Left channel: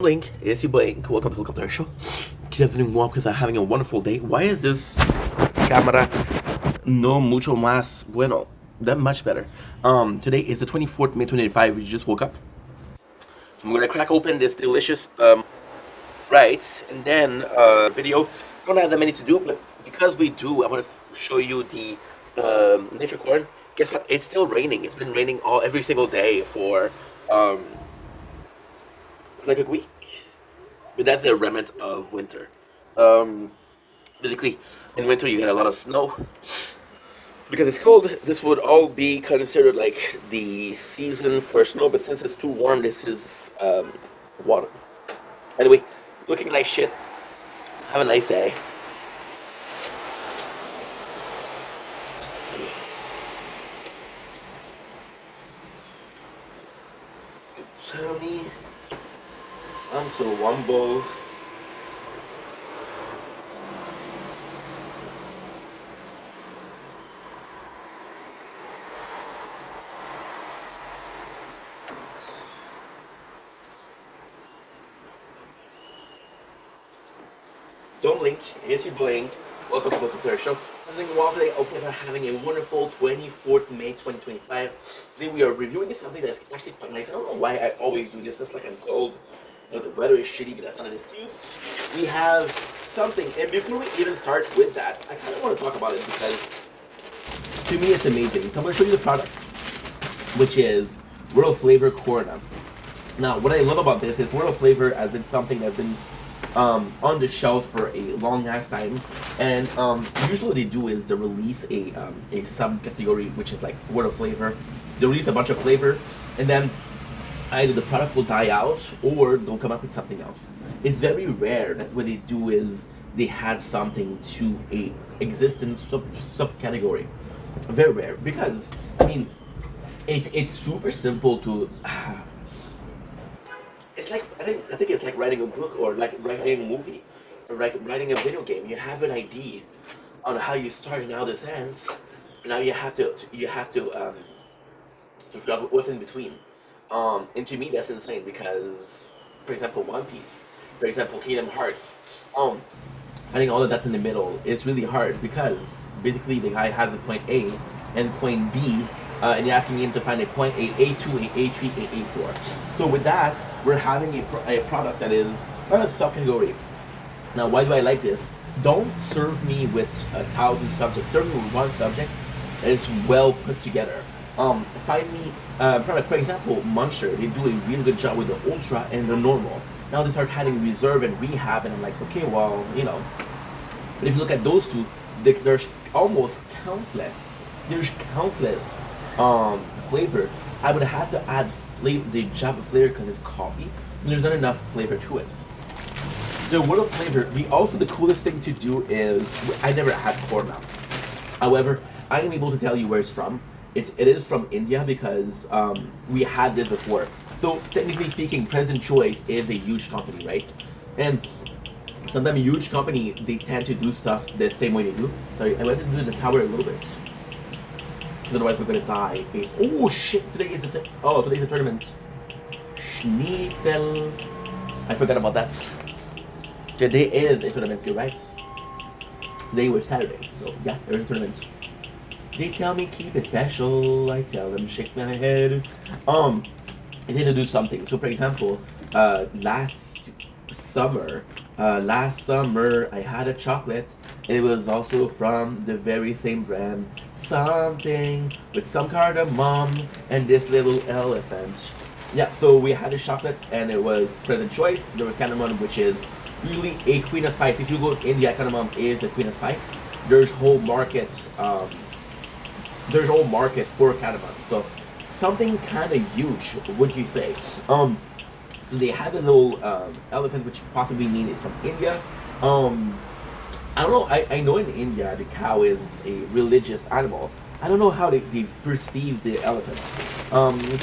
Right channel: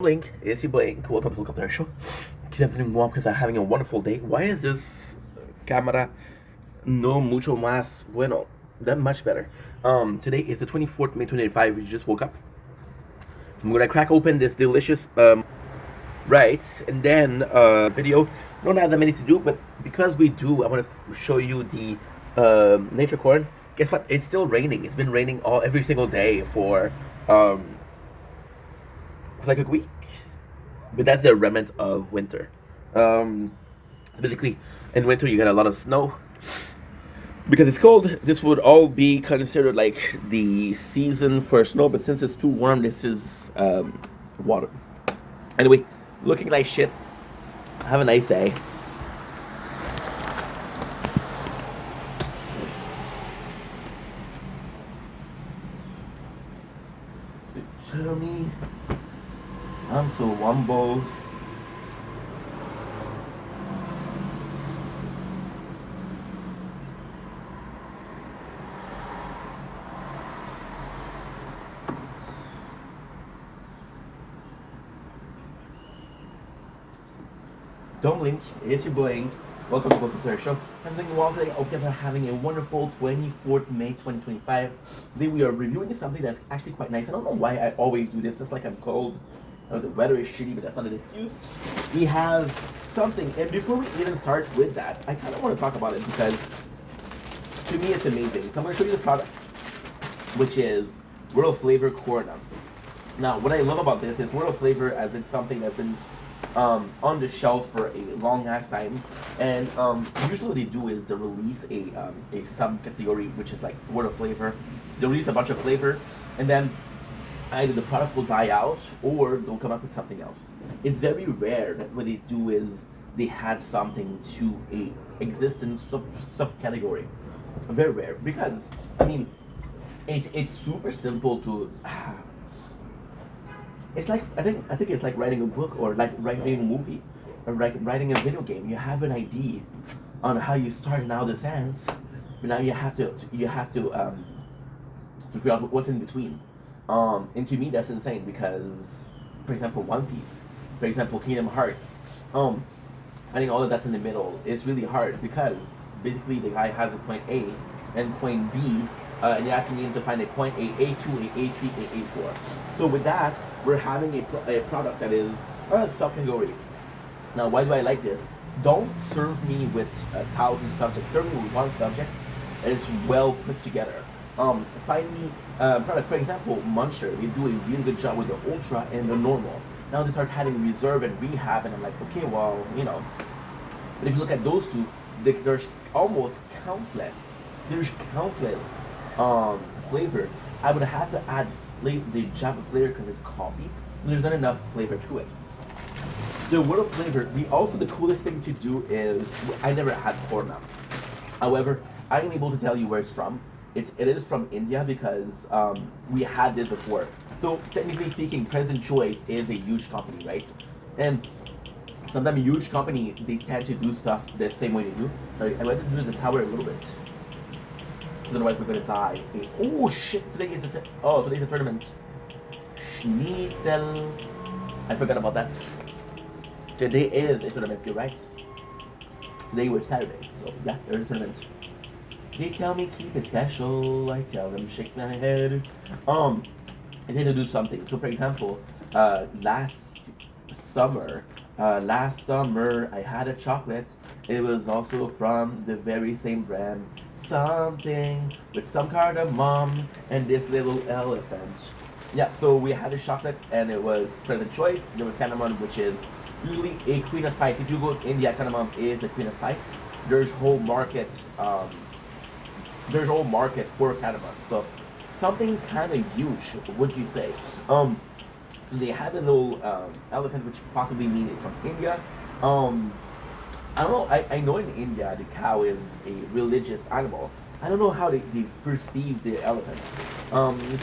Blink, it's your Blink. Welcome to the Helicopter Show. Quizás doing well because I'm having a wonderful day. Why is this camera no mucho más bueno? That much better. Today is the 24th May 2025. We just woke up. So I'm gonna crack open this delicious right, and then video. Don't have that many to do, but because we do, I want to show you the nature corn. Guess what? It's still raining. It's been raining every single day for it's like a week, but that's the remnant of winter. Basically, in winter you get a lot of snow because it's cold. This would all be considered like the season for snow, but since it's too warm, this is water. Anyway, looking like shit. Have a nice day. Tell me, I'm so humble. Don't blink, it's your Blink. Welcome to the Show. Having a wonderful day. Hope you're having a wonderful 24th May 2025. Today we are reviewing something that's actually quite nice. I don't know why I always do this. It's like I'm cold. The weather is shitty, but that's not an excuse. We have something, and before we even start with that, I kind of want to talk about it because to me it's amazing. So I'm going to show you the product, which is World Flavor Corona. Now, what I love about this is World Flavor has been something that's been on the shelf for a long ass time, and usually what they do is they release a subcategory which is like Word of Flavor. They release a bunch of flavor, and then either the product will die out or they'll come up with something else. It's very rare that what they do is they add something to a existing subcategory. Very rare because I mean it's super simple to. It's like I think it's like writing a book or like writing a movie or like writing a video game. You have an idea on how you start and how this ends, but now you have to figure out what's in between. And to me that's insane because, for example, One Piece, for example, Kingdom Hearts, finding all of that in the middle is really hard because basically the guy has a point A and point B. And you're asking him to find a point A, A2, a A3, a A4. So with that, we're having a product that is a subcategory. Now, why do I like this? Don't serve me with 1,000 subjects. Serve me with one subject that is well put together. Find me product, for example, Muncher. They do a really good job with the Ultra and the Normal. Now they start having Reserve and Rehab, and I'm like, okay, well, you know. But if you look at those two, there's almost countless. There's countless flavor. I would have to add the Java flavor because it's coffee. And there's not enough flavor to it. The World of Flavor, the coolest thing to do is I never had corn now. However, I am able to tell you where it's from. It is from India because we had this before. So technically speaking, President Choice is a huge company, right? And sometimes a huge company they tend to do stuff the same way they do. Sorry, I wanted to do the tower a little bit. Otherwise we're gonna die. Oh shit! Today's a tournament. Schnitzel. I forgot about that. Today is a tournament. You're right. Today was Saturday, so yeah, there's a tournament. They tell me keep it special. I tell them shake my head. I need to do something. So for example, last summer I had a chocolate. It was also from the very same brand. Something with some cardamom and this little elephant. Yeah, so we had a chocolate and it was President Choice. There was cardamom, which is usually a queen of spice. If you go to India, cardamom is the queen of spice. There's whole markets. There's whole market for cardamom. So something kind of huge, would you say? So they had a little elephant, which possibly means it's from India. I don't know. I know in India the cow is a religious animal. I don't know how they perceive the elephant.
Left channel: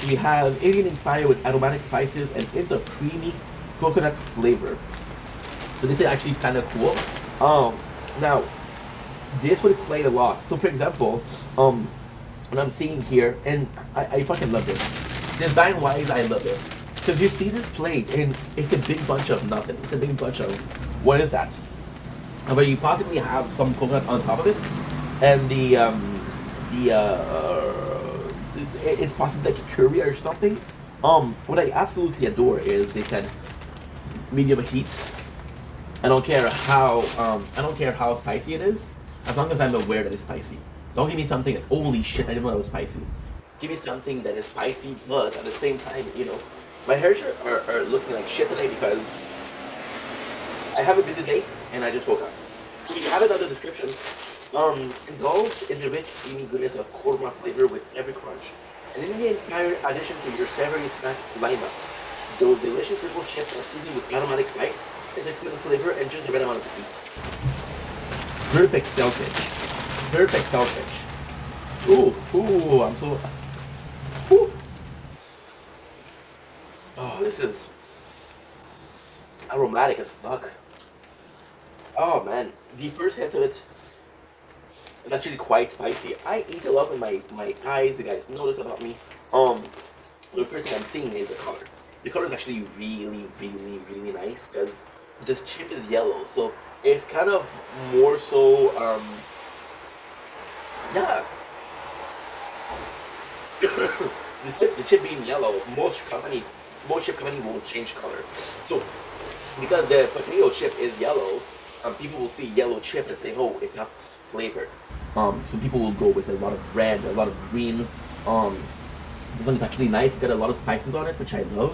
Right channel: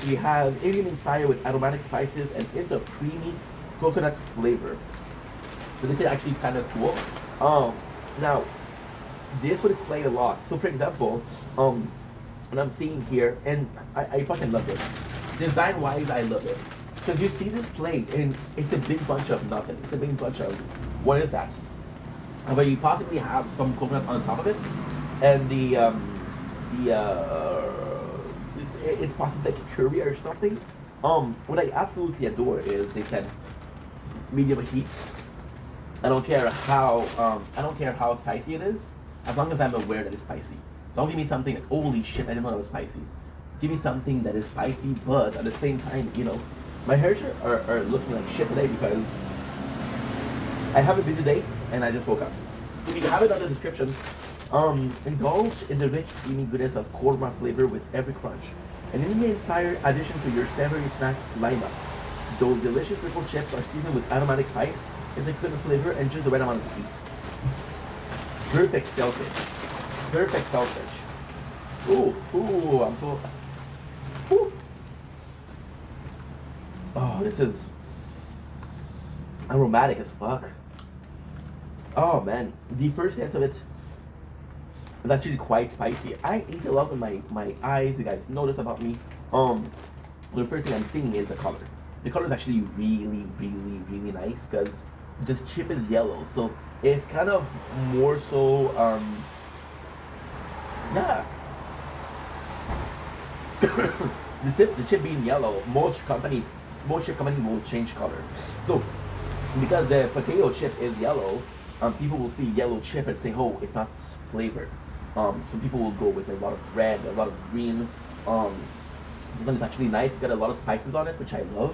We have Indian inspired with aromatic spices and into creamy coconut flavor. So this is actually kind of cool. Now this would explain a lot. So for example, what I'm seeing here, and I fucking love this. Design wise, I love this. Because you see this plate, and it's a big bunch of nothing. It's a big bunch of, what is that? But you possibly have some coconut on top of it, and the it's possibly like a curry or something. What I absolutely adore is they said medium heat. I don't care how spicy it is, as long as I'm aware that it's spicy. Don't give me something like, holy shit, I didn't know it was spicy. Give me something that is spicy, but at the same time, my hairs are looking like shit today because I have a busy day and I just woke up. You have it on the description. Indulge in the rich, creamy goodness of korma flavor with every crunch. An India-inspired addition to your savory snack lineup. Those delicious triple chips are seasoned with aromatic spice, it's a good flavor, and just the right amount of heat. Perfect selfish. Perfect selfish. Ooh, I'm so... Ooh. Oh, this is aromatic as fuck. Oh man, the first hit of it is actually quite spicy. I eat a lot with my eyes. You guys know this about me. The first thing I'm seeing is the color. The color is actually really, really, really nice because this chip is yellow, so it's kind of more so. Yeah. The chip being yellow, most chip company will change color. So because the potato chip is yellow, people will see yellow chip and say, "Oh, it's not flavored." So people will go with a lot of red, a lot of green. This one is actually nice. It's got a lot of spices on it, which I love.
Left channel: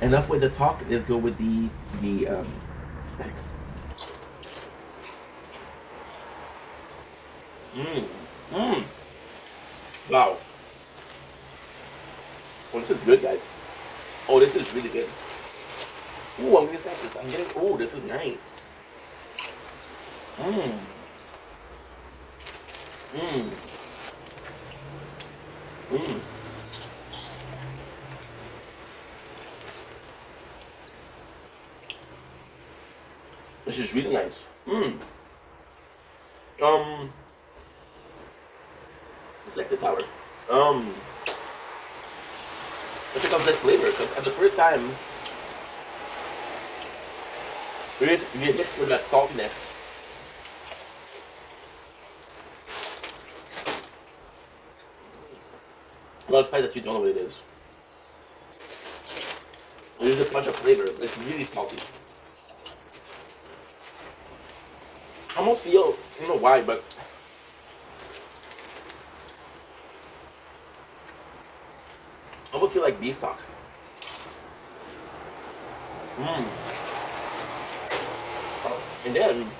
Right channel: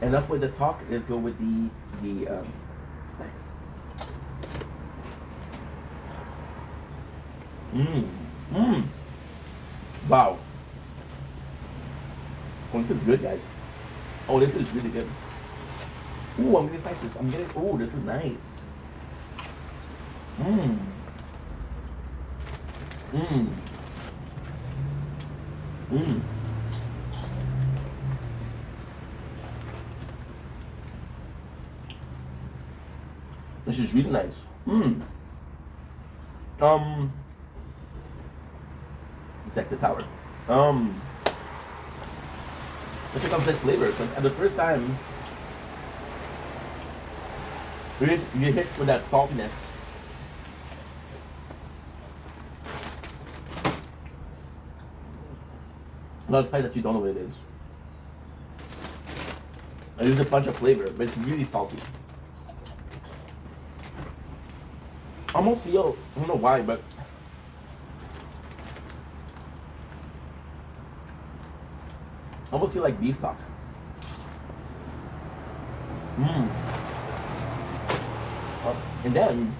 Enough with the talk. Let's go with the snacks. Wow. Oh, this is good, guys. Oh, this is really good. Ooh, I'm getting spices. Oh, this is nice. This is really nice. It's like the tower. Let's check out this flavor, because at the first time, you hit with that saltiness. A lot of spice that you don't know what it is. And there's a bunch of flavor, but it's really salty. I almost feel, I don't know why, but I almost feel like beef stock. And then,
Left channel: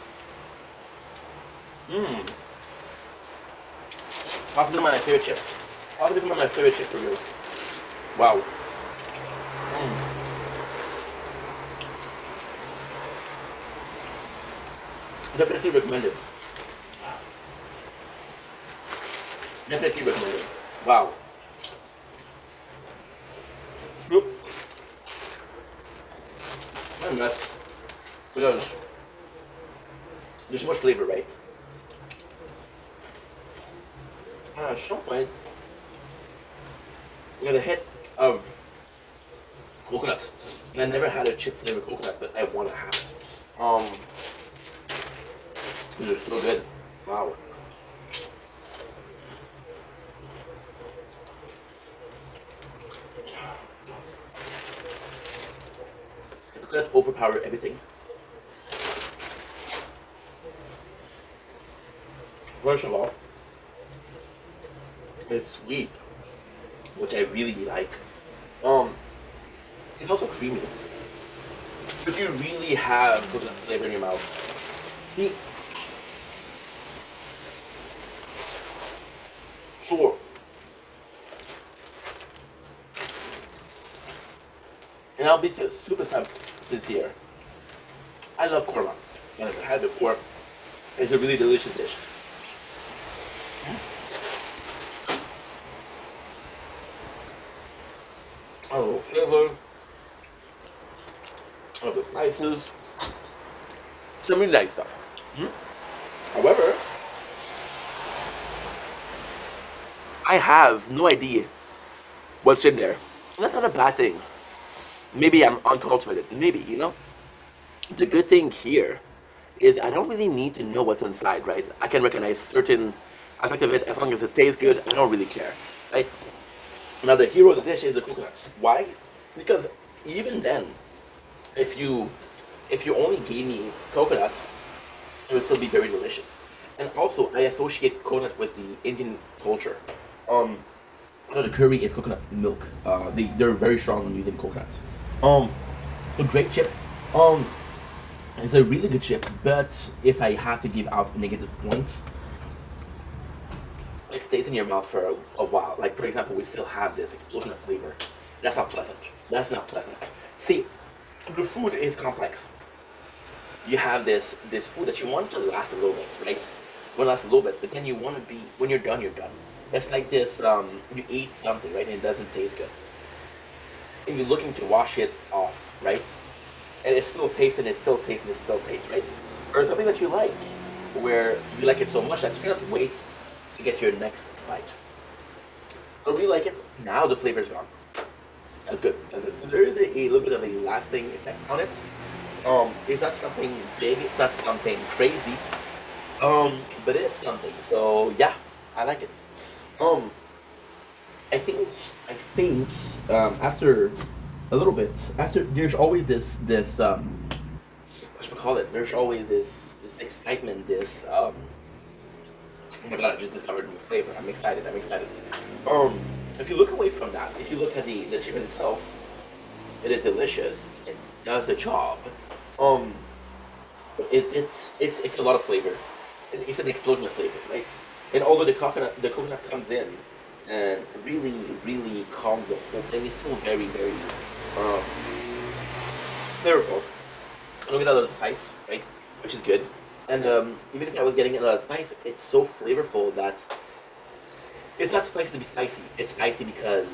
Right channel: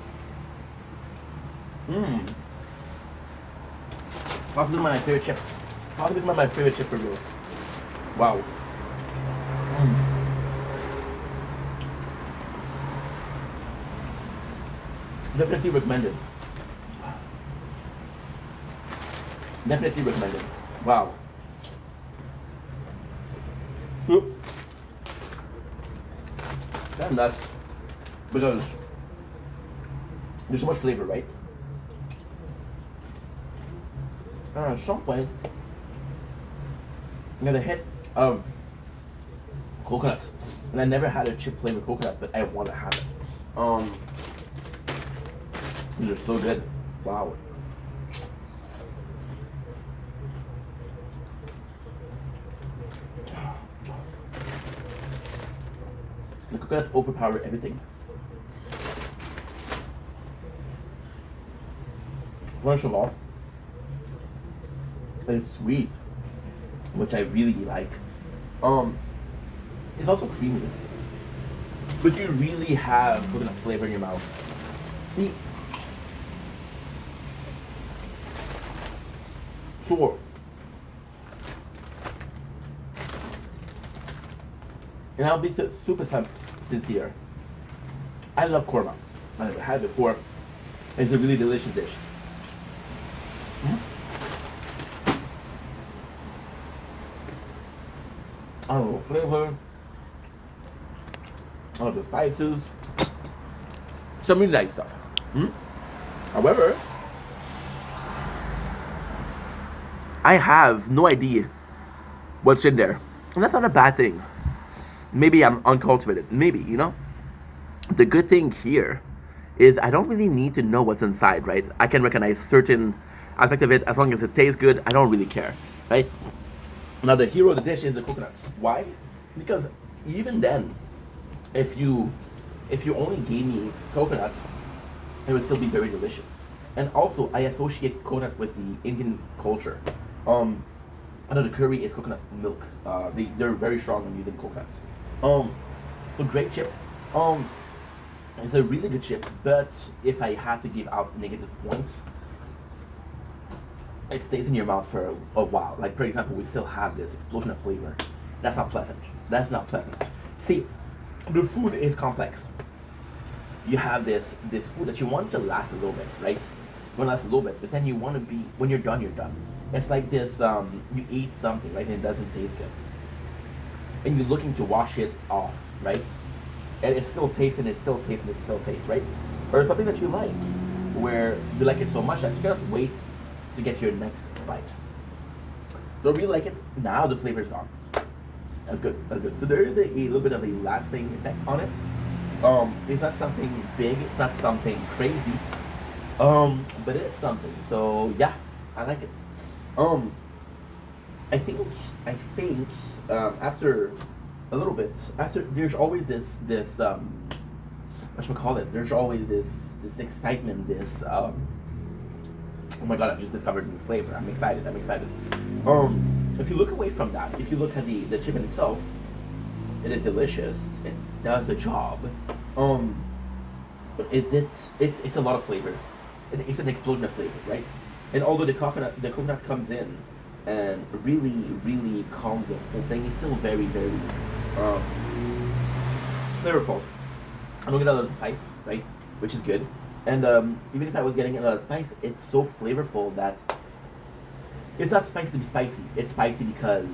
possibly one of my favorite chips. Possibly one of my favorite chips for real. Wow. Definitely recommended. Definitely recommended. Wow. Yep. And that's because there's so much flavor, right? At some point, I got a hit of coconut, and I never had a chip flavored coconut, but I want to have it. These are so good. Wow. The coconut overpower everything. First of all, it's sweet, which I really like. It's also creamy, but you really have coconut flavor in your mouth. Sure. And I'll be super sincere. I love korma. I've had it before. It's a really delicious dish. I love the flavor. I love the spices. Some really nice stuff. However, I have no idea what's in there. And that's not a bad thing. Maybe I'm uncultivated. Maybe, you know? The good thing here is I don't really need to know what's inside, right? I can recognize certain aspect of it as long as it tastes good. I don't really care, right? Now the hero of the dish is the coconuts. Why? Because even then, if you if you only gave me coconut, it would still be very delicious. And also, I associate coconut with the Indian culture. Um, I know the curry is coconut milk. They're very strong on using coconuts. Um, so great chip. Um, it's a really good chip. But if I have to give out negative points, it stays in your mouth for a while. Like for example, we still have this explosion of flavor. That's not pleasant. That's not pleasant. See, the food is complex. You have this food that you want to last a little bit, right? You want to last a little bit, but then you want to be when you're done, you're done. It's like this: you eat something, right, and it doesn't taste good, and you're looking to wash it off, right? And it's still tasting, it still tastes, it still tastes, right? Or something that you like, where you like it so much that you're gonna wait to get your next bite. Don't really like it now. The flavor's gone. That's good. That's good. So there is a little bit of a lasting effect on it. It's not something big. It's not something crazy. But it is something. So yeah, I like it. Um, I think after a little bit, after there's always this what should we call it? There's always this excitement. This oh my god, I just discovered a new flavor. I'm excited. I'm excited. If you look away from that, if you look at the chicken itself, it is delicious. It does the job. Um, but it's a lot of flavor. It's an explosion of flavor, right? And although the coconut comes in and really calms the whole thing, it's still very um, flavorful. I don't get a lot of spice, right? Which is good. And even if I was getting a lot of spice, it's so flavorful that it's not spicy to be spicy. It's spicy because,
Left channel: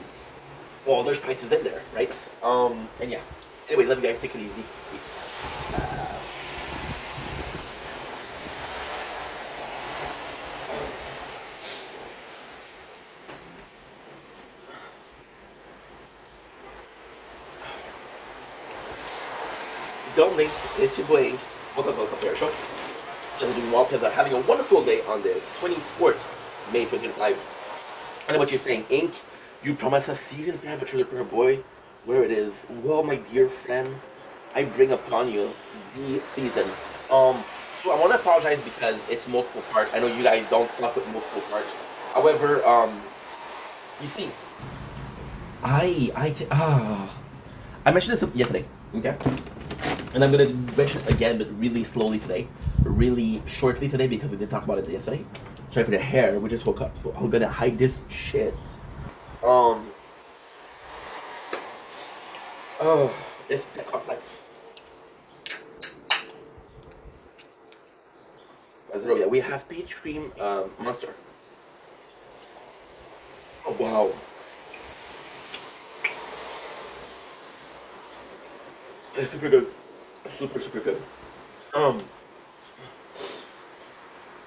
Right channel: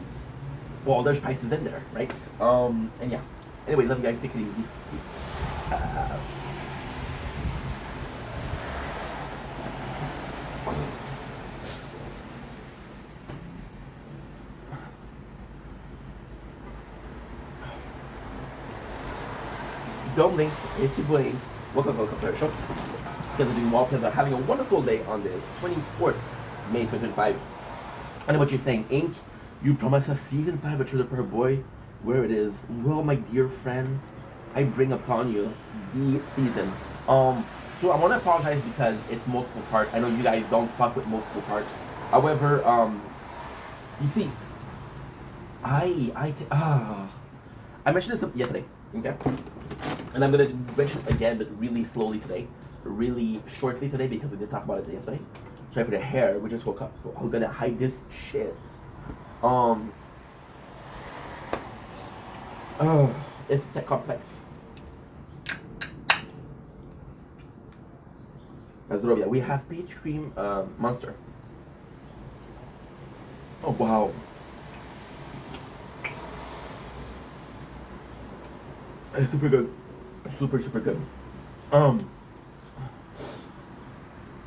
well, there's spices in there, right? And yeah. Anyway, love you guys. Take it easy. Peace. Don't think it's your boy. Welcome to our show. Because we're doing well, because I'm having a wonderful day on this 24th May 2025. I know what you're saying, Ink. You promised us season 5 of Trailer Park Boy. Where it is. Well, my dear friend, I bring upon you the season. So I want to apologize because it's multiple part. I know you guys don't fuck with multiple parts. However, you see, I mentioned this yesterday, okay? And I'm gonna mention it again, but really slowly today, really shortly today because we did talk about it yesterday. Sorry for the hair, we just woke up, so I'm gonna hide this shit. Um, oh, it's that complex. Mazrovia, we have peach cream monster. Oh wow. It's super good. Super good. Um,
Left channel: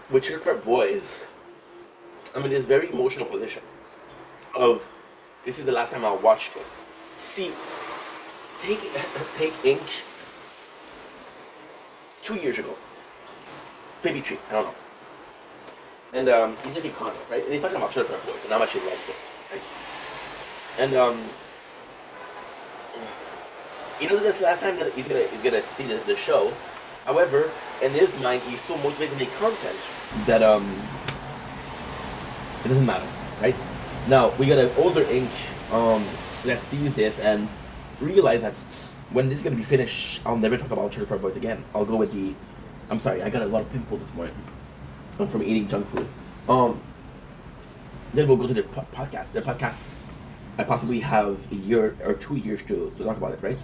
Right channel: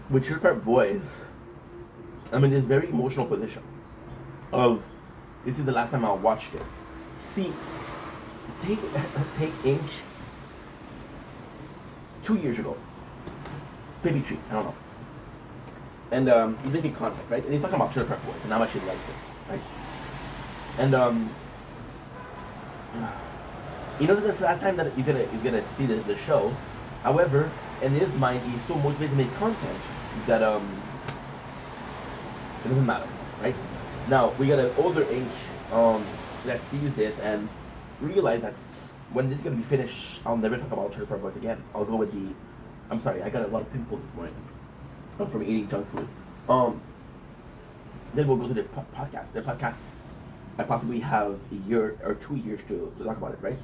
with Trailer Park Boys, I'm in this very emotional position of this is the last time I'll watch this. See, take take Ink 2 years ago, maybe 3, I don't know. And he's making content, right? And he's talking about Trailer Park Boys and how much he likes it, right? And he knows that that's the last time that he's gonna see the show. However, in his mind, he's so motivated to make content that it doesn't matter, right? Now we got an older Ink that sees this and realize that when this is gonna be finished, I'll never talk about Trailer Park Boys again. I'll go with the. I'm sorry, I got a lot of pimples this morning from eating junk food. Then we'll go to the podcast. The podcast, I possibly have a year or 2 years to talk about it, right?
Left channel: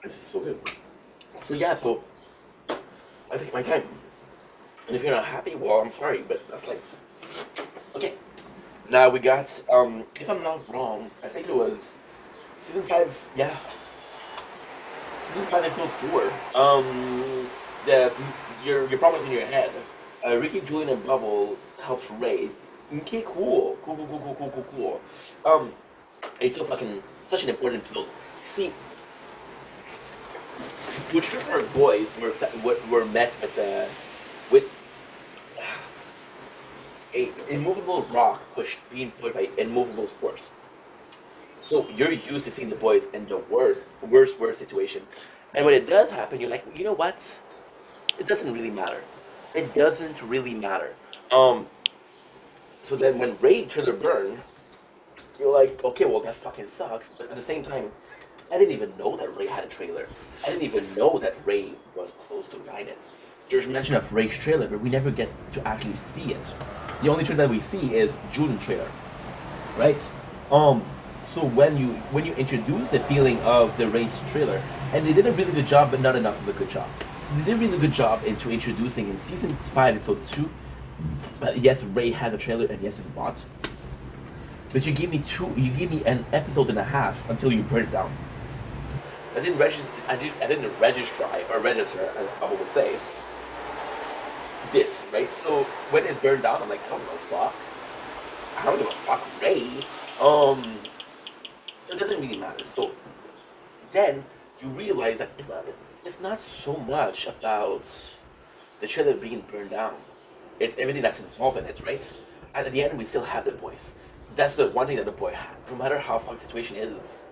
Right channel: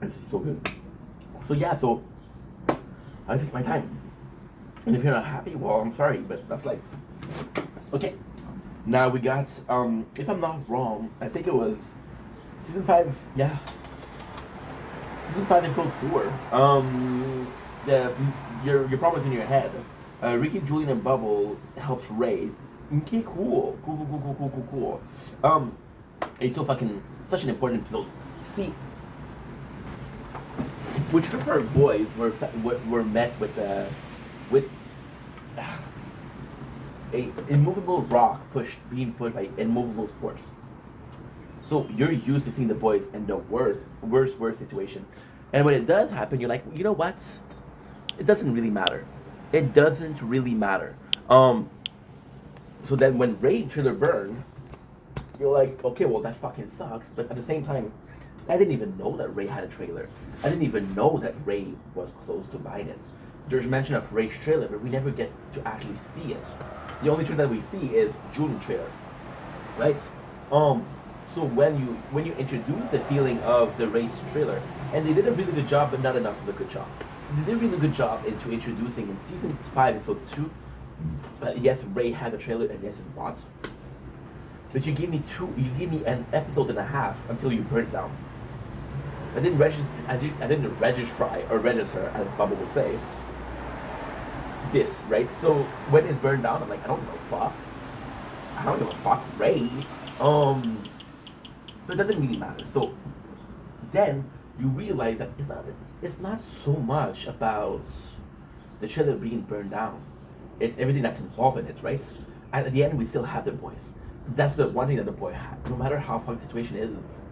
This is so good. So yeah, so I take my time. And if you're not happy, well, I'm sorry, but that's life. Okay. Now we got, if I'm not wrong, I think it was season 5, yeah. Season 5 episode 4. Your problems in your head. Ricky, Julian, and Bubble helps Ray. Okay, cool. It's so fucking such an important episode. See, which her boys were met with a immovable rock being pushed by immovable force. So you're used to seeing the boys in the worst situation, and when it does happen, you're like, you know what? It doesn't really matter. It doesn't really matter. Um, so then when Ray trailer burned, you're like, okay, well that fucking sucks. But at the same time, I didn't even know that Ray had a trailer. I didn't even know that Ray was close to buying it. There's mention of Ray's trailer, but we never get to actually see it. The only trailer that we see is June trailer, right? Um, so when you introduce the feeling of the Ray's trailer, and they did a really good job, but not enough of a good job. They did a really good job into introducing in season 5, episode 2. Yes, Ray has a trailer, and yes, it's bought. But you gave me an episode and a half until you burn it down. I didn't register. I didn't register, as Bubba would say. This right. So when it's burned down, I'm like, I don't give a fuck. I don't give a fuck, Ray. So it doesn't really matter. So then you realize that it's not so much about the trailer being burned down. It's everything that's involved in it, right? At the end, we still have the boys. That's the one thing that the boy had. No matter how fucked the situation is,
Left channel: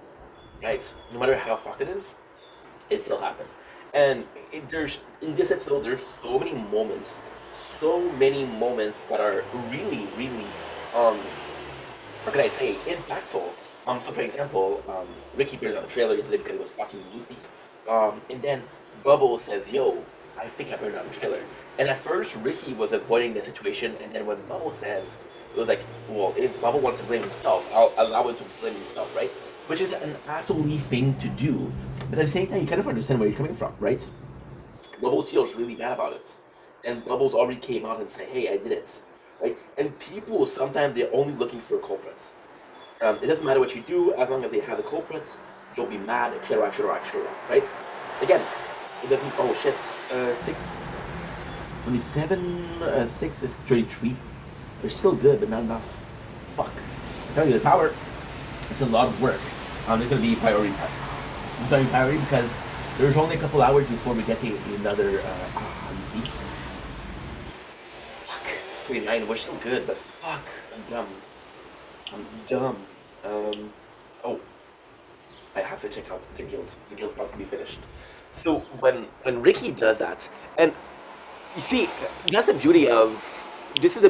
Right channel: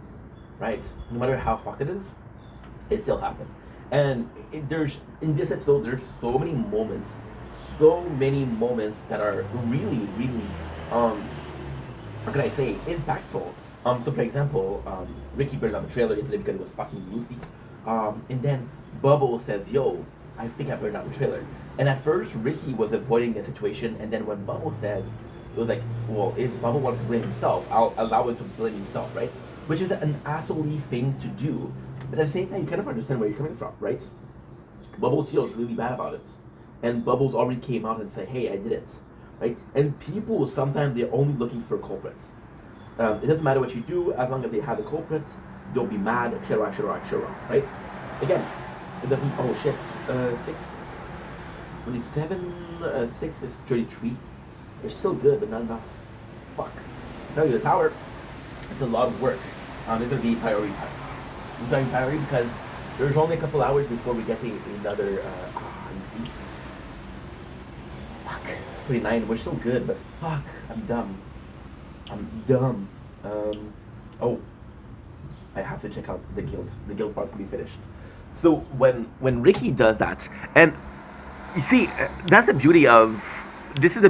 right? No matter how fucked it is, it still happened. And there's in this episode, there's so many moments that are really, really, what can I say, impactful. So for example, Ricky burns out the trailer yesterday because it was fucking Lucy. And then Bubble says, "Yo, I think I burned out the trailer." And at first, Ricky was avoiding the situation, and then when Bubble says, it was like, well, if Bubble wants to blame himself, I'll allow him to blame himself, right? Which is an asshole-y thing to do. But at the same time, you kind of understand where you're coming from, right? Bubble feels really bad about it. And Bubbles already came out and said, hey, I did it, right? And people, sometimes they're only looking for culprits. It doesn't matter what you do, as long as they have the culprit, don't be mad, etc., right? Again, it doesn't, oh shit, 6 is 33. They're still good, but not enough. Fuck. Tell you the tower, it's a lot of work. It's gonna be priority time. It's gonna be priority because there's only a couple hours before we get to another, you see? Fuck. 29, we're still good, but fuck, I'm dumb. Oh, I have to check out the guild. The guild's about to be finished. So when Ricky does that, and you see, this is the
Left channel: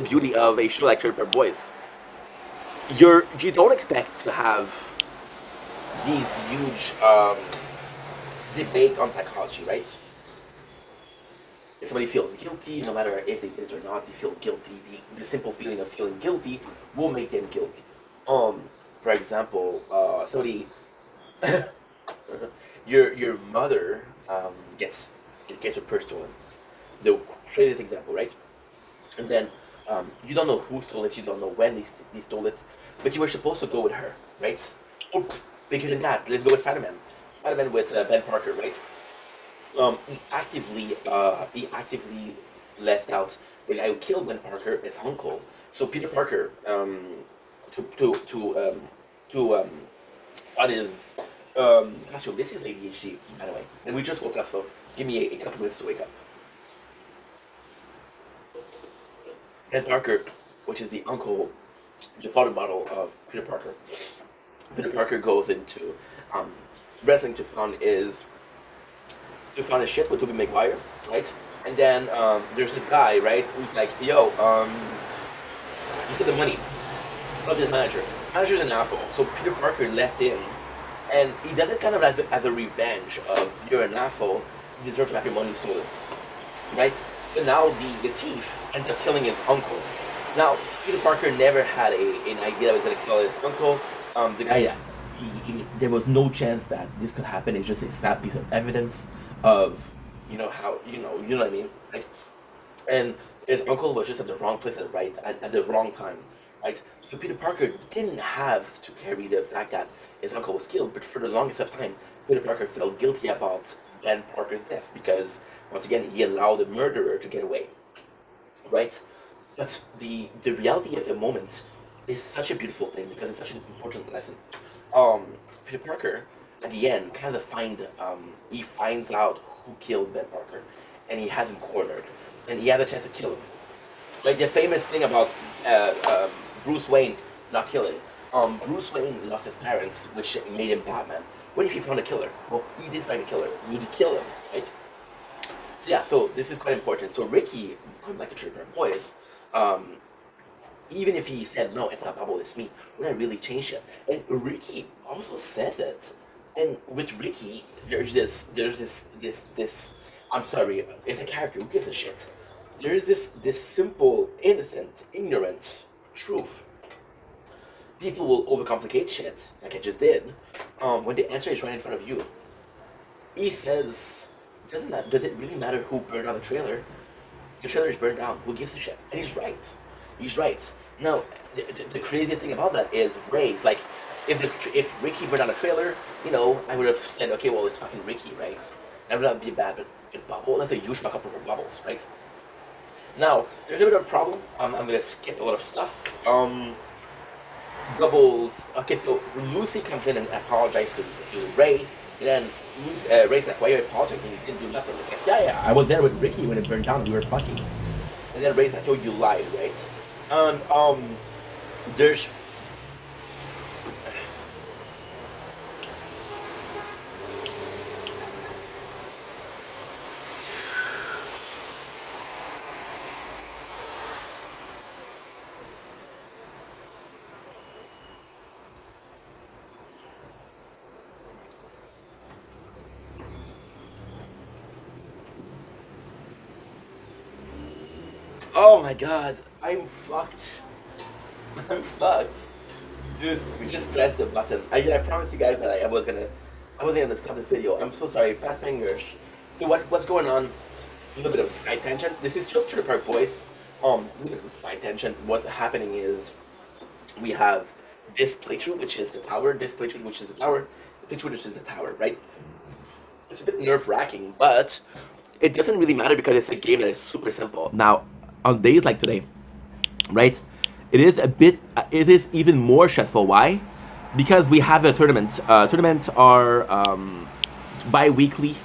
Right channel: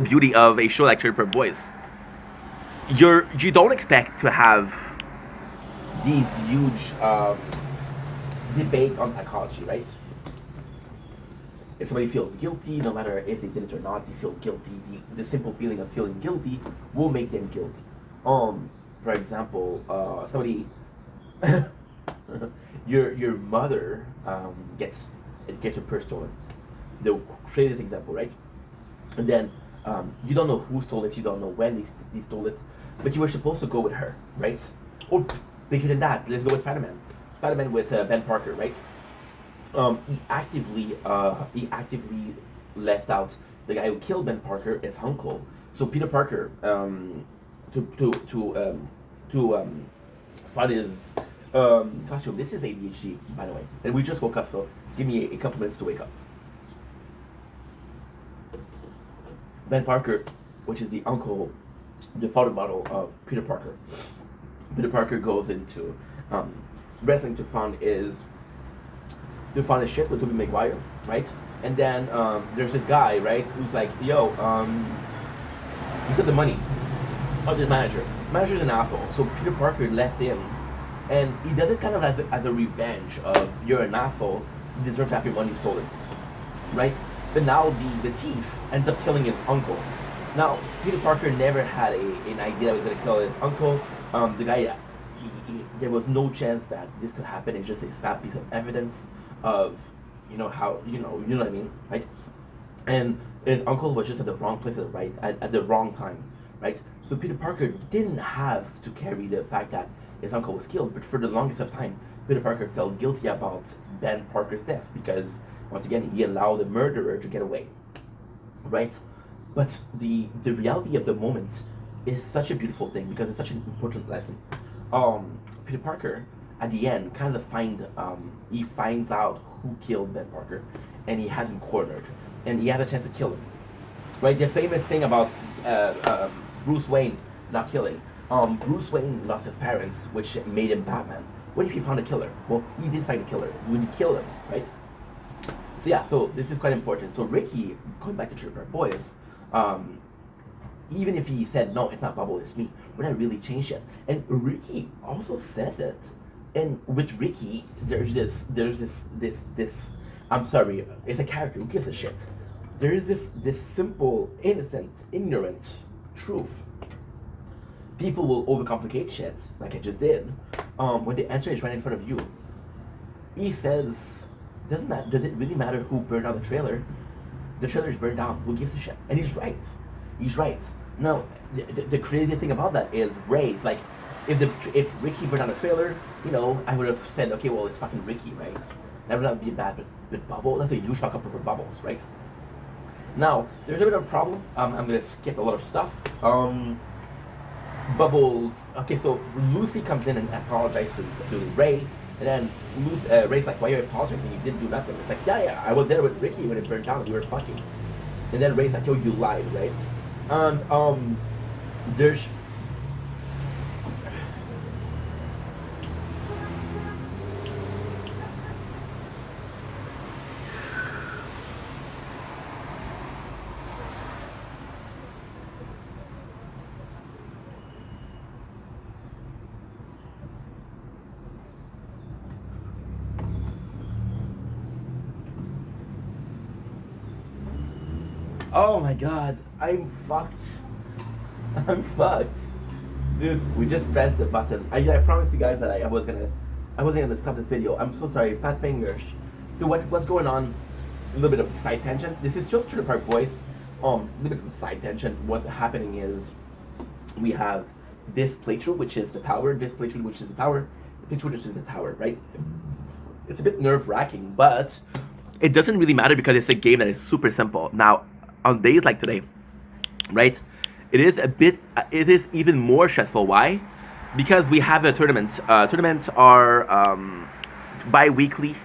beauty of a show like Trailer Boys. You don't expect to have these huge debate on psychology, right? If somebody feels guilty, no matter if they did it or not, they feel guilty. The simple feeling of feeling guilty will make them guilty. For example, somebody, your mother gets her purse stolen. The craziest example, right? And then you don't know who stole it, you don't know when they stole it, but you were supposed to go with her, right? Or bigger than that, let's go with Spider-Man. Spider-Man with Ben Parker, right? He actively left out the guy who killed Ben Parker, his uncle. So Peter Parker, to find his costume. This is ADHD, by the way, and we just woke up, so give me a couple minutes to wake up. Ben Parker, which is the uncle, the father model of Peter Parker. Peter Parker goes into wrestling to find his shit with Tobey Maguire, right? And then there's this guy, right, who's like, yo, he said the money of his manager. Manager's an asshole, so Peter Parker left him, and he does it kind of as a revenge of, you're an asshole, you deserve to have your money stolen, right? But now the thief ends up killing his uncle. Now, Peter Parker never had an idea that he was going to kill his uncle. The guy, there was no chance that this could happen. It's just a sad piece of evidence of, how, you know what I mean, right? And his uncle was just at the wrong place at the wrong time, right? So Peter Parker didn't have to carry the fact that his uncle was killed, but for the longest of time, Peter Parker felt guilty about Ben Parker's death because, once again, he allowed the murderer to get away, right? But the reality of the moment is such a beautiful thing because it's such an important lesson. Peter Parker at the end kind of he finds out who killed Ben Parker, and he has him cornered, and he has a chance to kill him. Right, the famous thing about uh, uh, Bruce Wayne not killing. Bruce Wayne lost his parents, which made him Batman. What if he found a killer? Well, he did find a killer. Would he kill him, right? So yeah, so this is quite important. So Ricky, going back to Trailer Park Boys, um, even if he said no, it's not Bubble, it's me, would I really change it? And Ricky also says it. And with Ricky, there's this. I'm sorry, it's a character. Who gives a shit? There's this simple, innocent, ignorant truth. People will overcomplicate shit, like I just did, when the answer is right in front of you. He says, does it really matter who burned out the trailer? The trailer is burned down. Who gives a shit? And he's right. He's right. Now, the crazy thing about that is Ray's like, if Ricky burned out a trailer, I would have said, okay, well, it's fucking Ricky, right? That would not be bad, but Bubble, that's a huge fuck up over Bubbles, right? Now, there's a bit of a problem. I'm gonna skip a lot of stuff. Bubbles. Okay, so Lucy comes in and apologizes to Ray, and then Ray's like, "Why are you apologizing? You didn't do nothing." It's like, yeah, I was there with Ricky when it burned down. We were fucking. And then Ray's like, "Yo, you lied, right?" And there's. Oh my god, I'm fucked. I'm fucked. Dude, we just pressed the button. I promised you guys that I wasn't gonna stop this video. I'm so sorry, fast fingers. So what's going on? A little bit of side tangent. This is just Trailer Park Boys. A little bit of side tangent. What's happening is we have this playthrough, which is the tower, this playthrough, which is the tower, the playthrough, which is the tower, right? It's a bit nerve wracking, but it doesn't really matter because it's a game that is super simple. Now, on days like today, right? It is even more stressful. Why? Because we have a tournament. Tournaments are bi-weekly,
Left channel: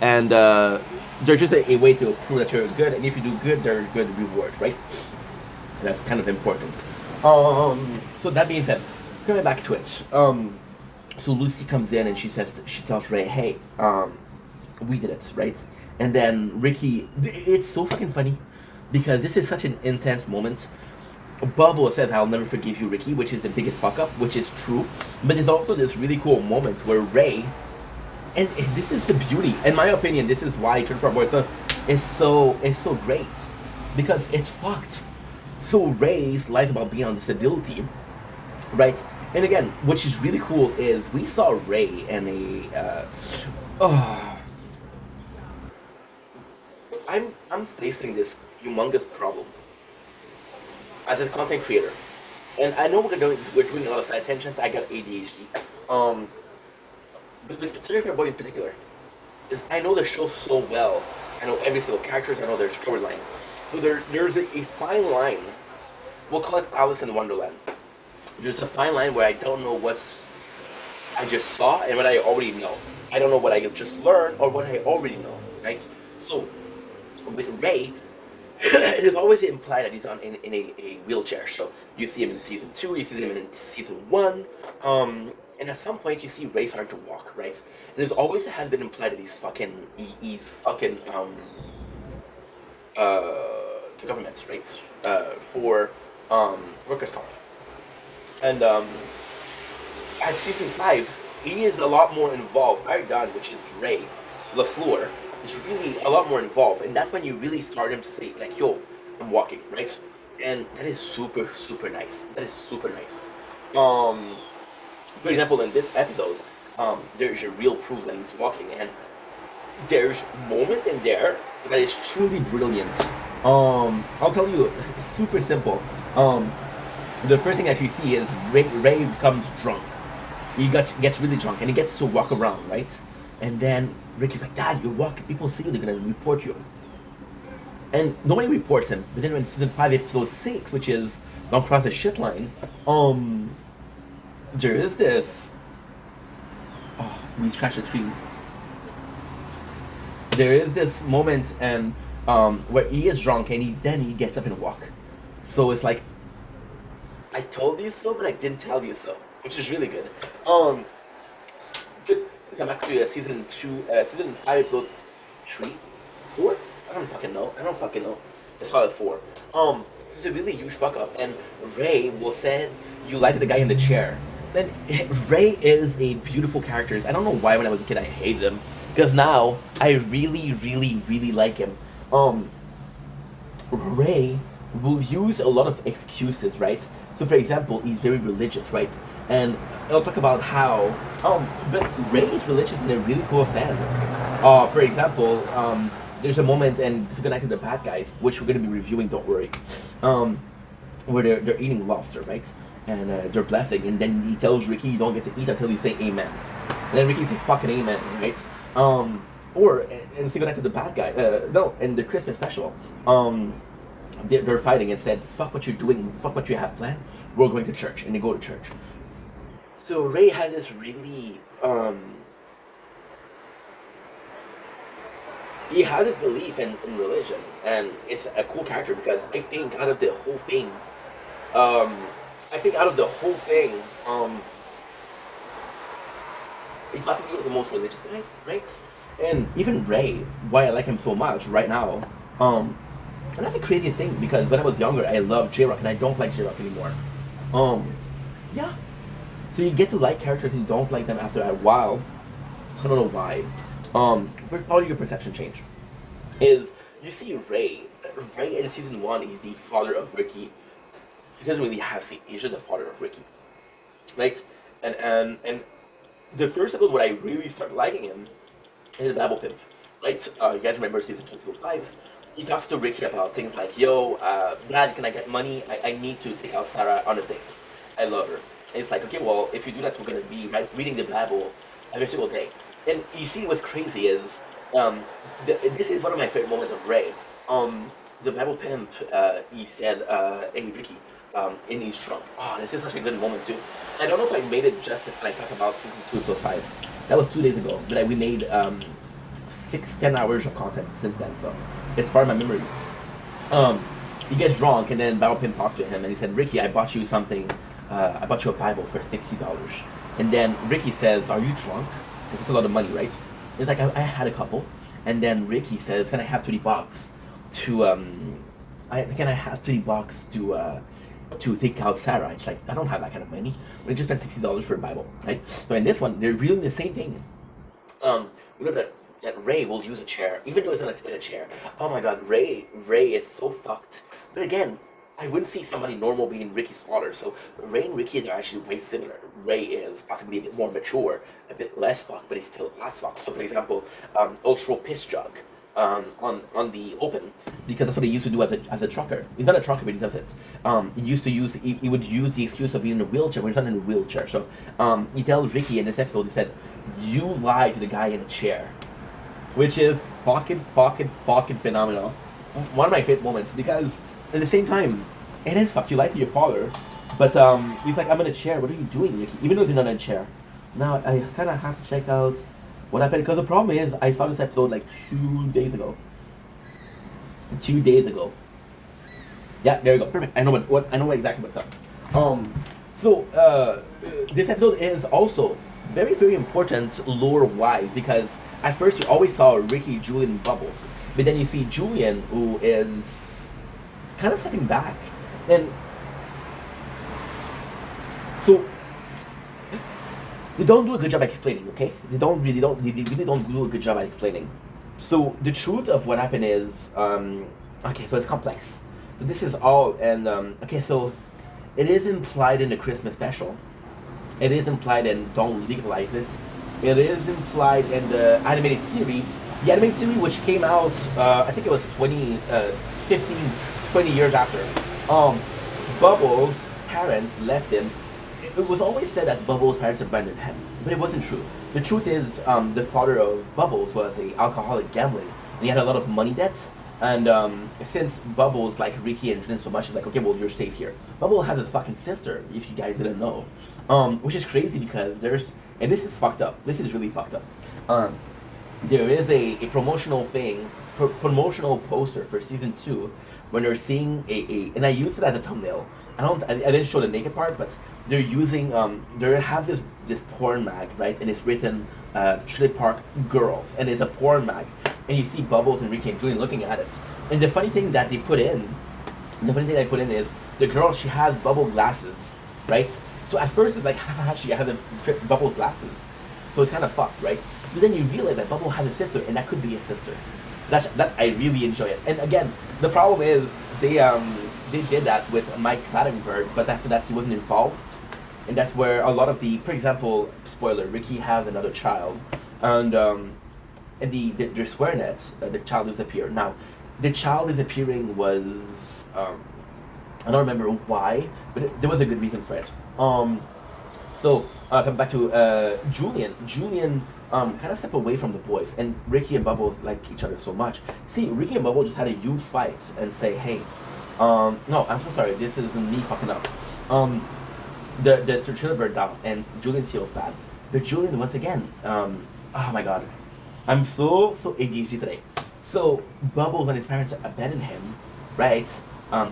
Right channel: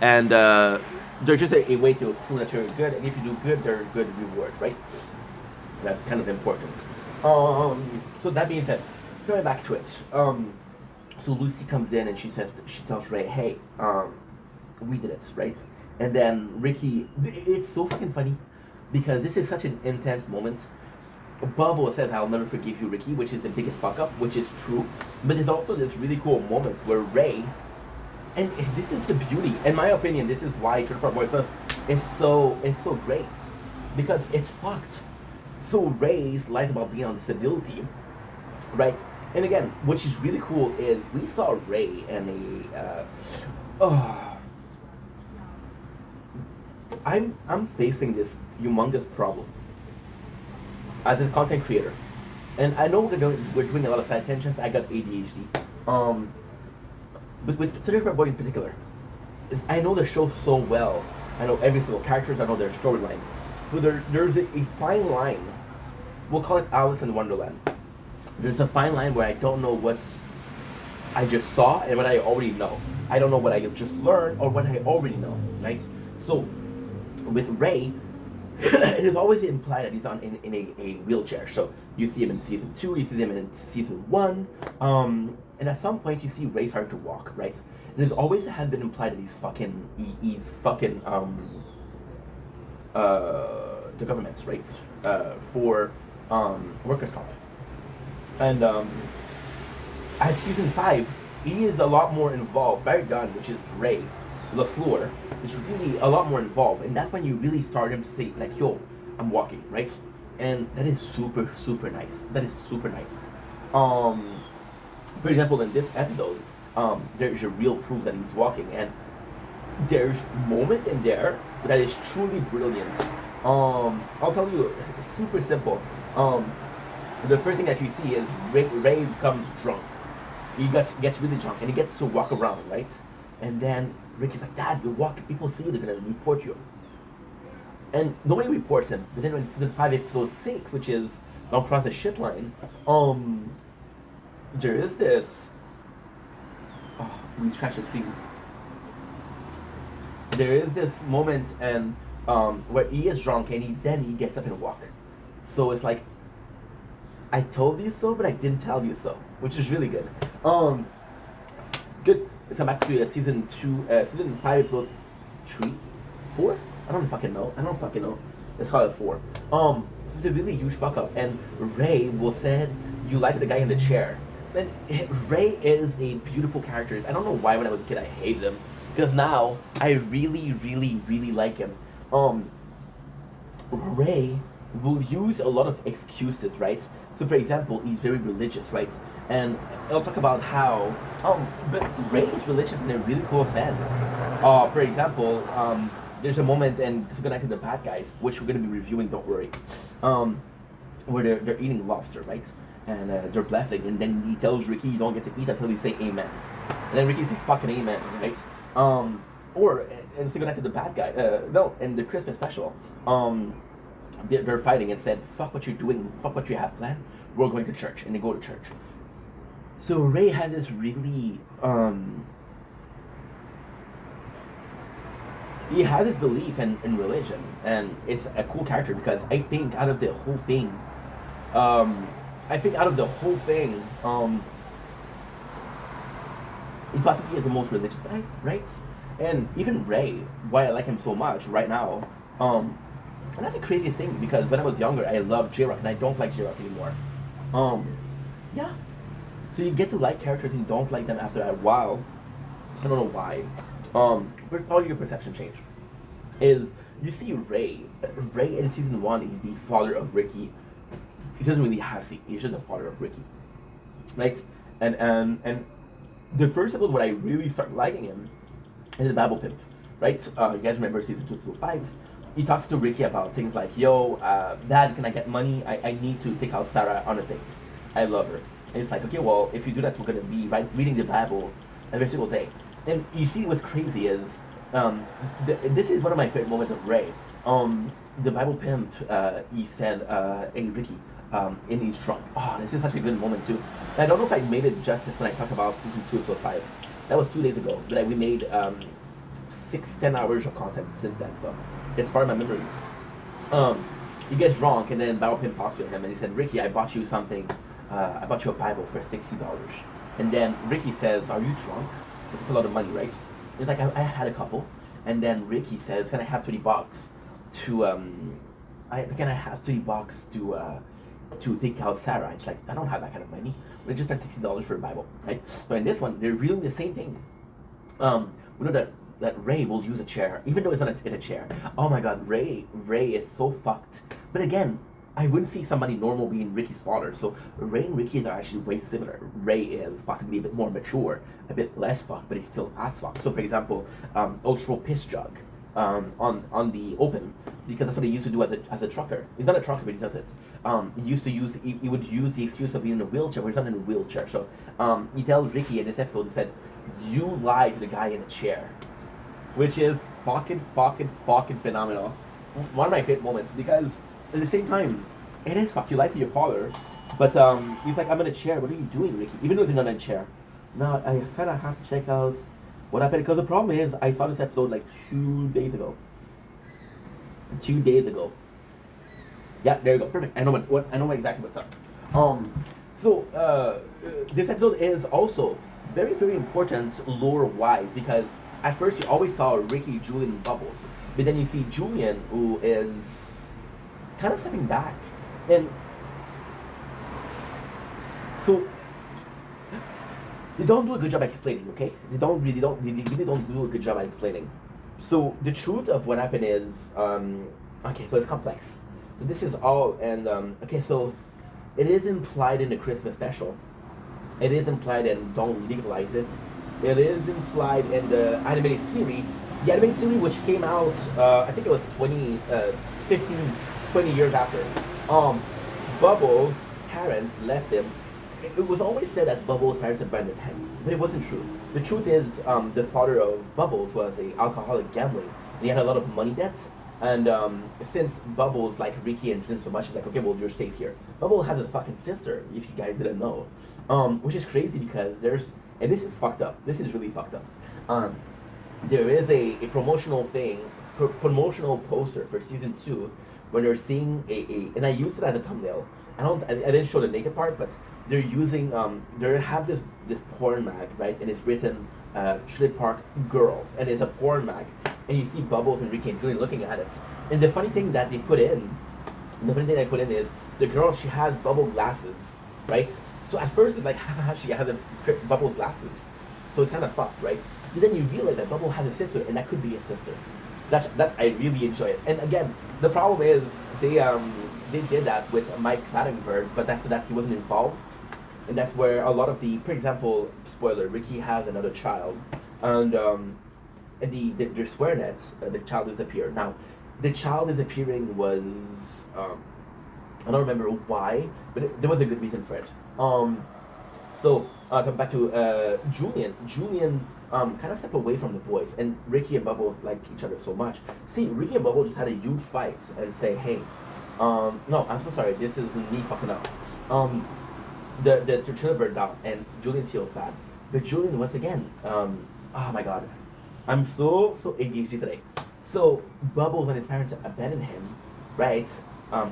and they're just a way to prove that you're good. And if you do good, there are good rewards, right? That's kind of important. So that being said, going back to it. So Lucy comes in and she tells Ray, "Hey, we did it, right?" And then Ricky, it's so fucking funny because this is such an intense moment. Bubble says, "I'll never forgive you, Ricky," which is the biggest fuck up, which is true. But there's also this really cool moment where Ray, and this is the beauty, in my opinion, this is why Trailer Park Boys is so great because it's fucked. So Ray's lies about being on disability, right? And again, which is really cool is we saw Ray and I'm facing this humongous problem as a content creator, and I know we're doing a lot of side tangents. I got ADHD, but with Trailer Boy in particular, is I know the show so well. I know every single characters. I know their storyline. So there's a fine line. We'll call it Alice in Wonderland. There's a fine line where I don't know what's I just saw and what I already know. I don't know what I just learned or what I already know, right? So with Ray, it is always implied that he's in a wheelchair. So you see him in season 2, you see him in season 1, and at some point you see Ray starting to walk, right? And there's always has been implied that he's fucking the government, right? For workers' comp. And at season 5, he is a lot more involved. Barry Dunn, which is Ray LaFleur, is really a lot more involved, and that's when you really start him to say like, "Yo, I'm walking," right? And that is super super nice. That is super nice. For example, in this episode, there's a real proof that he's walking, and there's a moment in there that is truly brilliant. I'll tell you, it's super simple. The first thing that you see is Ray becomes drunk. He gets really drunk and he gets to walk around, right? And then Ricky's like, "Dad, you're walking. People see you. They're gonna report you." and nobody reports him. But then in season 5, episode 6, which is Don't Cross the Shit Line, there is this. Oh, we scratched the screen. There is this moment and where he is drunk and then he gets up and walk. So it's like, I told you so, but I didn't tell you so, which is really good. Good. So I'm actually season 5, episode 3, 4. I don't fucking know. Let's call it 4. So it's a really huge fuck up, and Ray will say you lied to the guy in the chair. Then Ray is a beautiful character. I don't know why when I was a kid I hated him, because now I really, really, really like him. Ray will use a lot of excuses, right? So, for example, he's very religious, right? And I'll talk about how, but Ray is religious in a really cool sense. For example, there's a moment, and it's going to the bad guys, which we're going to be reviewing, don't worry, where they're eating lobster, right? And they're blessing, and then he tells Ricky, you don't get to eat until you say amen. And then Ricky says, fucking amen, right? Or, and it's going to the bad guy, no, in the Christmas special, they're fighting and said, fuck what you're doing, fuck what you have planned, we're going to church, and they go to church. So Ray has this really, he has this belief in religion, and it's a cool character because I think out of the whole thing, he possibly is the most religious guy, right? And even Ray, why I like him so much right now, and that's the craziest thing because when I was younger, I loved J-Rock, and I don't like J-Rock anymore. Yeah. So you get to like characters and you don't like them after a while. I don't know why. But probably your perception change. Is you see Ray in season 1, he's the father of Ricky. He doesn't really have seat. He's just the father of Ricky, right? And the first episode where I really start liking him is the Bible Pimp, right? You guys remember season 2, episode 5? He talks to Ricky about things like, yo, Dad, can I get money? I need to take out Sarah on a date. I love her. And it's like, okay, well, if you do that, we're going to be reading the Bible every single day. And you see what's crazy is, this is one of my favorite moments of Ray. The Bible Pimp, he said, hey, Ricky, in his trunk. Oh, this is such a good moment, too. And I don't know if I made it justice when I talk about season 2, episode 5. That was 2 days ago. But we made 6-10 hours of content since then, so it's far in my memories. He gets drunk, and then Bible Pimp talked to him, and he said, Ricky, I bought you something. I bought you a Bible for $60. And then Ricky says, are you drunk? It's a lot of money, right? It's like, I had a couple. And then Ricky says, can I have $30 to, can I have $30 to take out Sarah? It's like, I don't have that kind of money. We just spent $60 for a Bible, right? So in this one, they're really the same thing. We know that Ray will use a chair, even though it's not in a chair. Oh my god, Ray is so fucked. But again, I wouldn't see somebody normal being Ricky's father. So Ray and Ricky are actually way similar. Ray is possibly a bit more mature, a bit less fucked, but he's still as fucked. So for example, Ultra Piss Jug on the open, because that's what he used to do as a trucker. He's not a trucker, but he does it. He would use the excuse of being in a wheelchair, but he's not in a wheelchair. So he tells Ricky in this episode, he said, you lied to the guy in the chair. Which is fucking phenomenal. One of my favorite moments, because at the same time, it is fucked. You lied to your father, but he's like, I'm in a chair. What are you doing, Ricky? Even though you're not in a chair. Now, I kind of have to check out what happened, because the problem is, I saw this episode like 2 days ago. 2 days ago. Yeah, there you go. Perfect. I know exactly what's up. This episode is also very, very important lore-wise, because at first you always saw Ricky, Julian, and Bubbles, but then you see Julian, who is kind of stepping back, and so they don't do a good job explaining. Okay, they really don't do a good job at explaining. So the truth of what happened is, okay, so it's complex. So this is all, and okay, so it is implied in the Christmas special. It is implied in Don't Legalize It. It is implied in the animated series. The animated series, which came out, I think it was 20 years after. Bubbles' parents left him. It was always said that Bubbles' parents abandoned him, but it wasn't true. The truth is, the father of Bubbles was an alcoholic gambler, and he had a lot of money debts. And since Bubbles like Ricky and Jin so much, it's like, okay, well, you're safe here. Bubble has a fucking sister, if you guys didn't know, which is crazy because there's, and this is fucked up. This is really fucked up. Um, there is a promotional thing, promotional poster for season 2, when they're seeing and I used it as a thumbnail. I didn't show the naked part, but they're using they have this porn mag, right, and it's written Trailer Park Girls, and it's a porn mag, and you see Bubbles and Ricky and Julian looking at it, and the funny thing that they put in, the funny thing I put in is the girl, she has bubble glasses, right? So at first it's like, haha, she has bubble glasses, so it's kind of fucked, right? But then you realize that Bubble has a sister, and that could be a sister. That I really enjoy it. And again, the problem is they did that with Mike Clattenburg, but after that he wasn't involved, and that's where a lot of the, for example, spoiler, Ricky has another child, and their swear nets, the child disappeared. Now, the child disappearing was I don't remember why, but there was a good reason for it. So come back to Julian. Julian kind of stepped away from the boys, and Ricky and Bubble like each other so much. See, Ricky and Bubble just had a huge fight and say, "Hey, no, I'm so sorry. This is me fucking up." The Trailer bird down, and Julian feels bad, but Julian once again, oh my god, I'm so ADHD today. So Bubbles, when his parents abandoned him, right?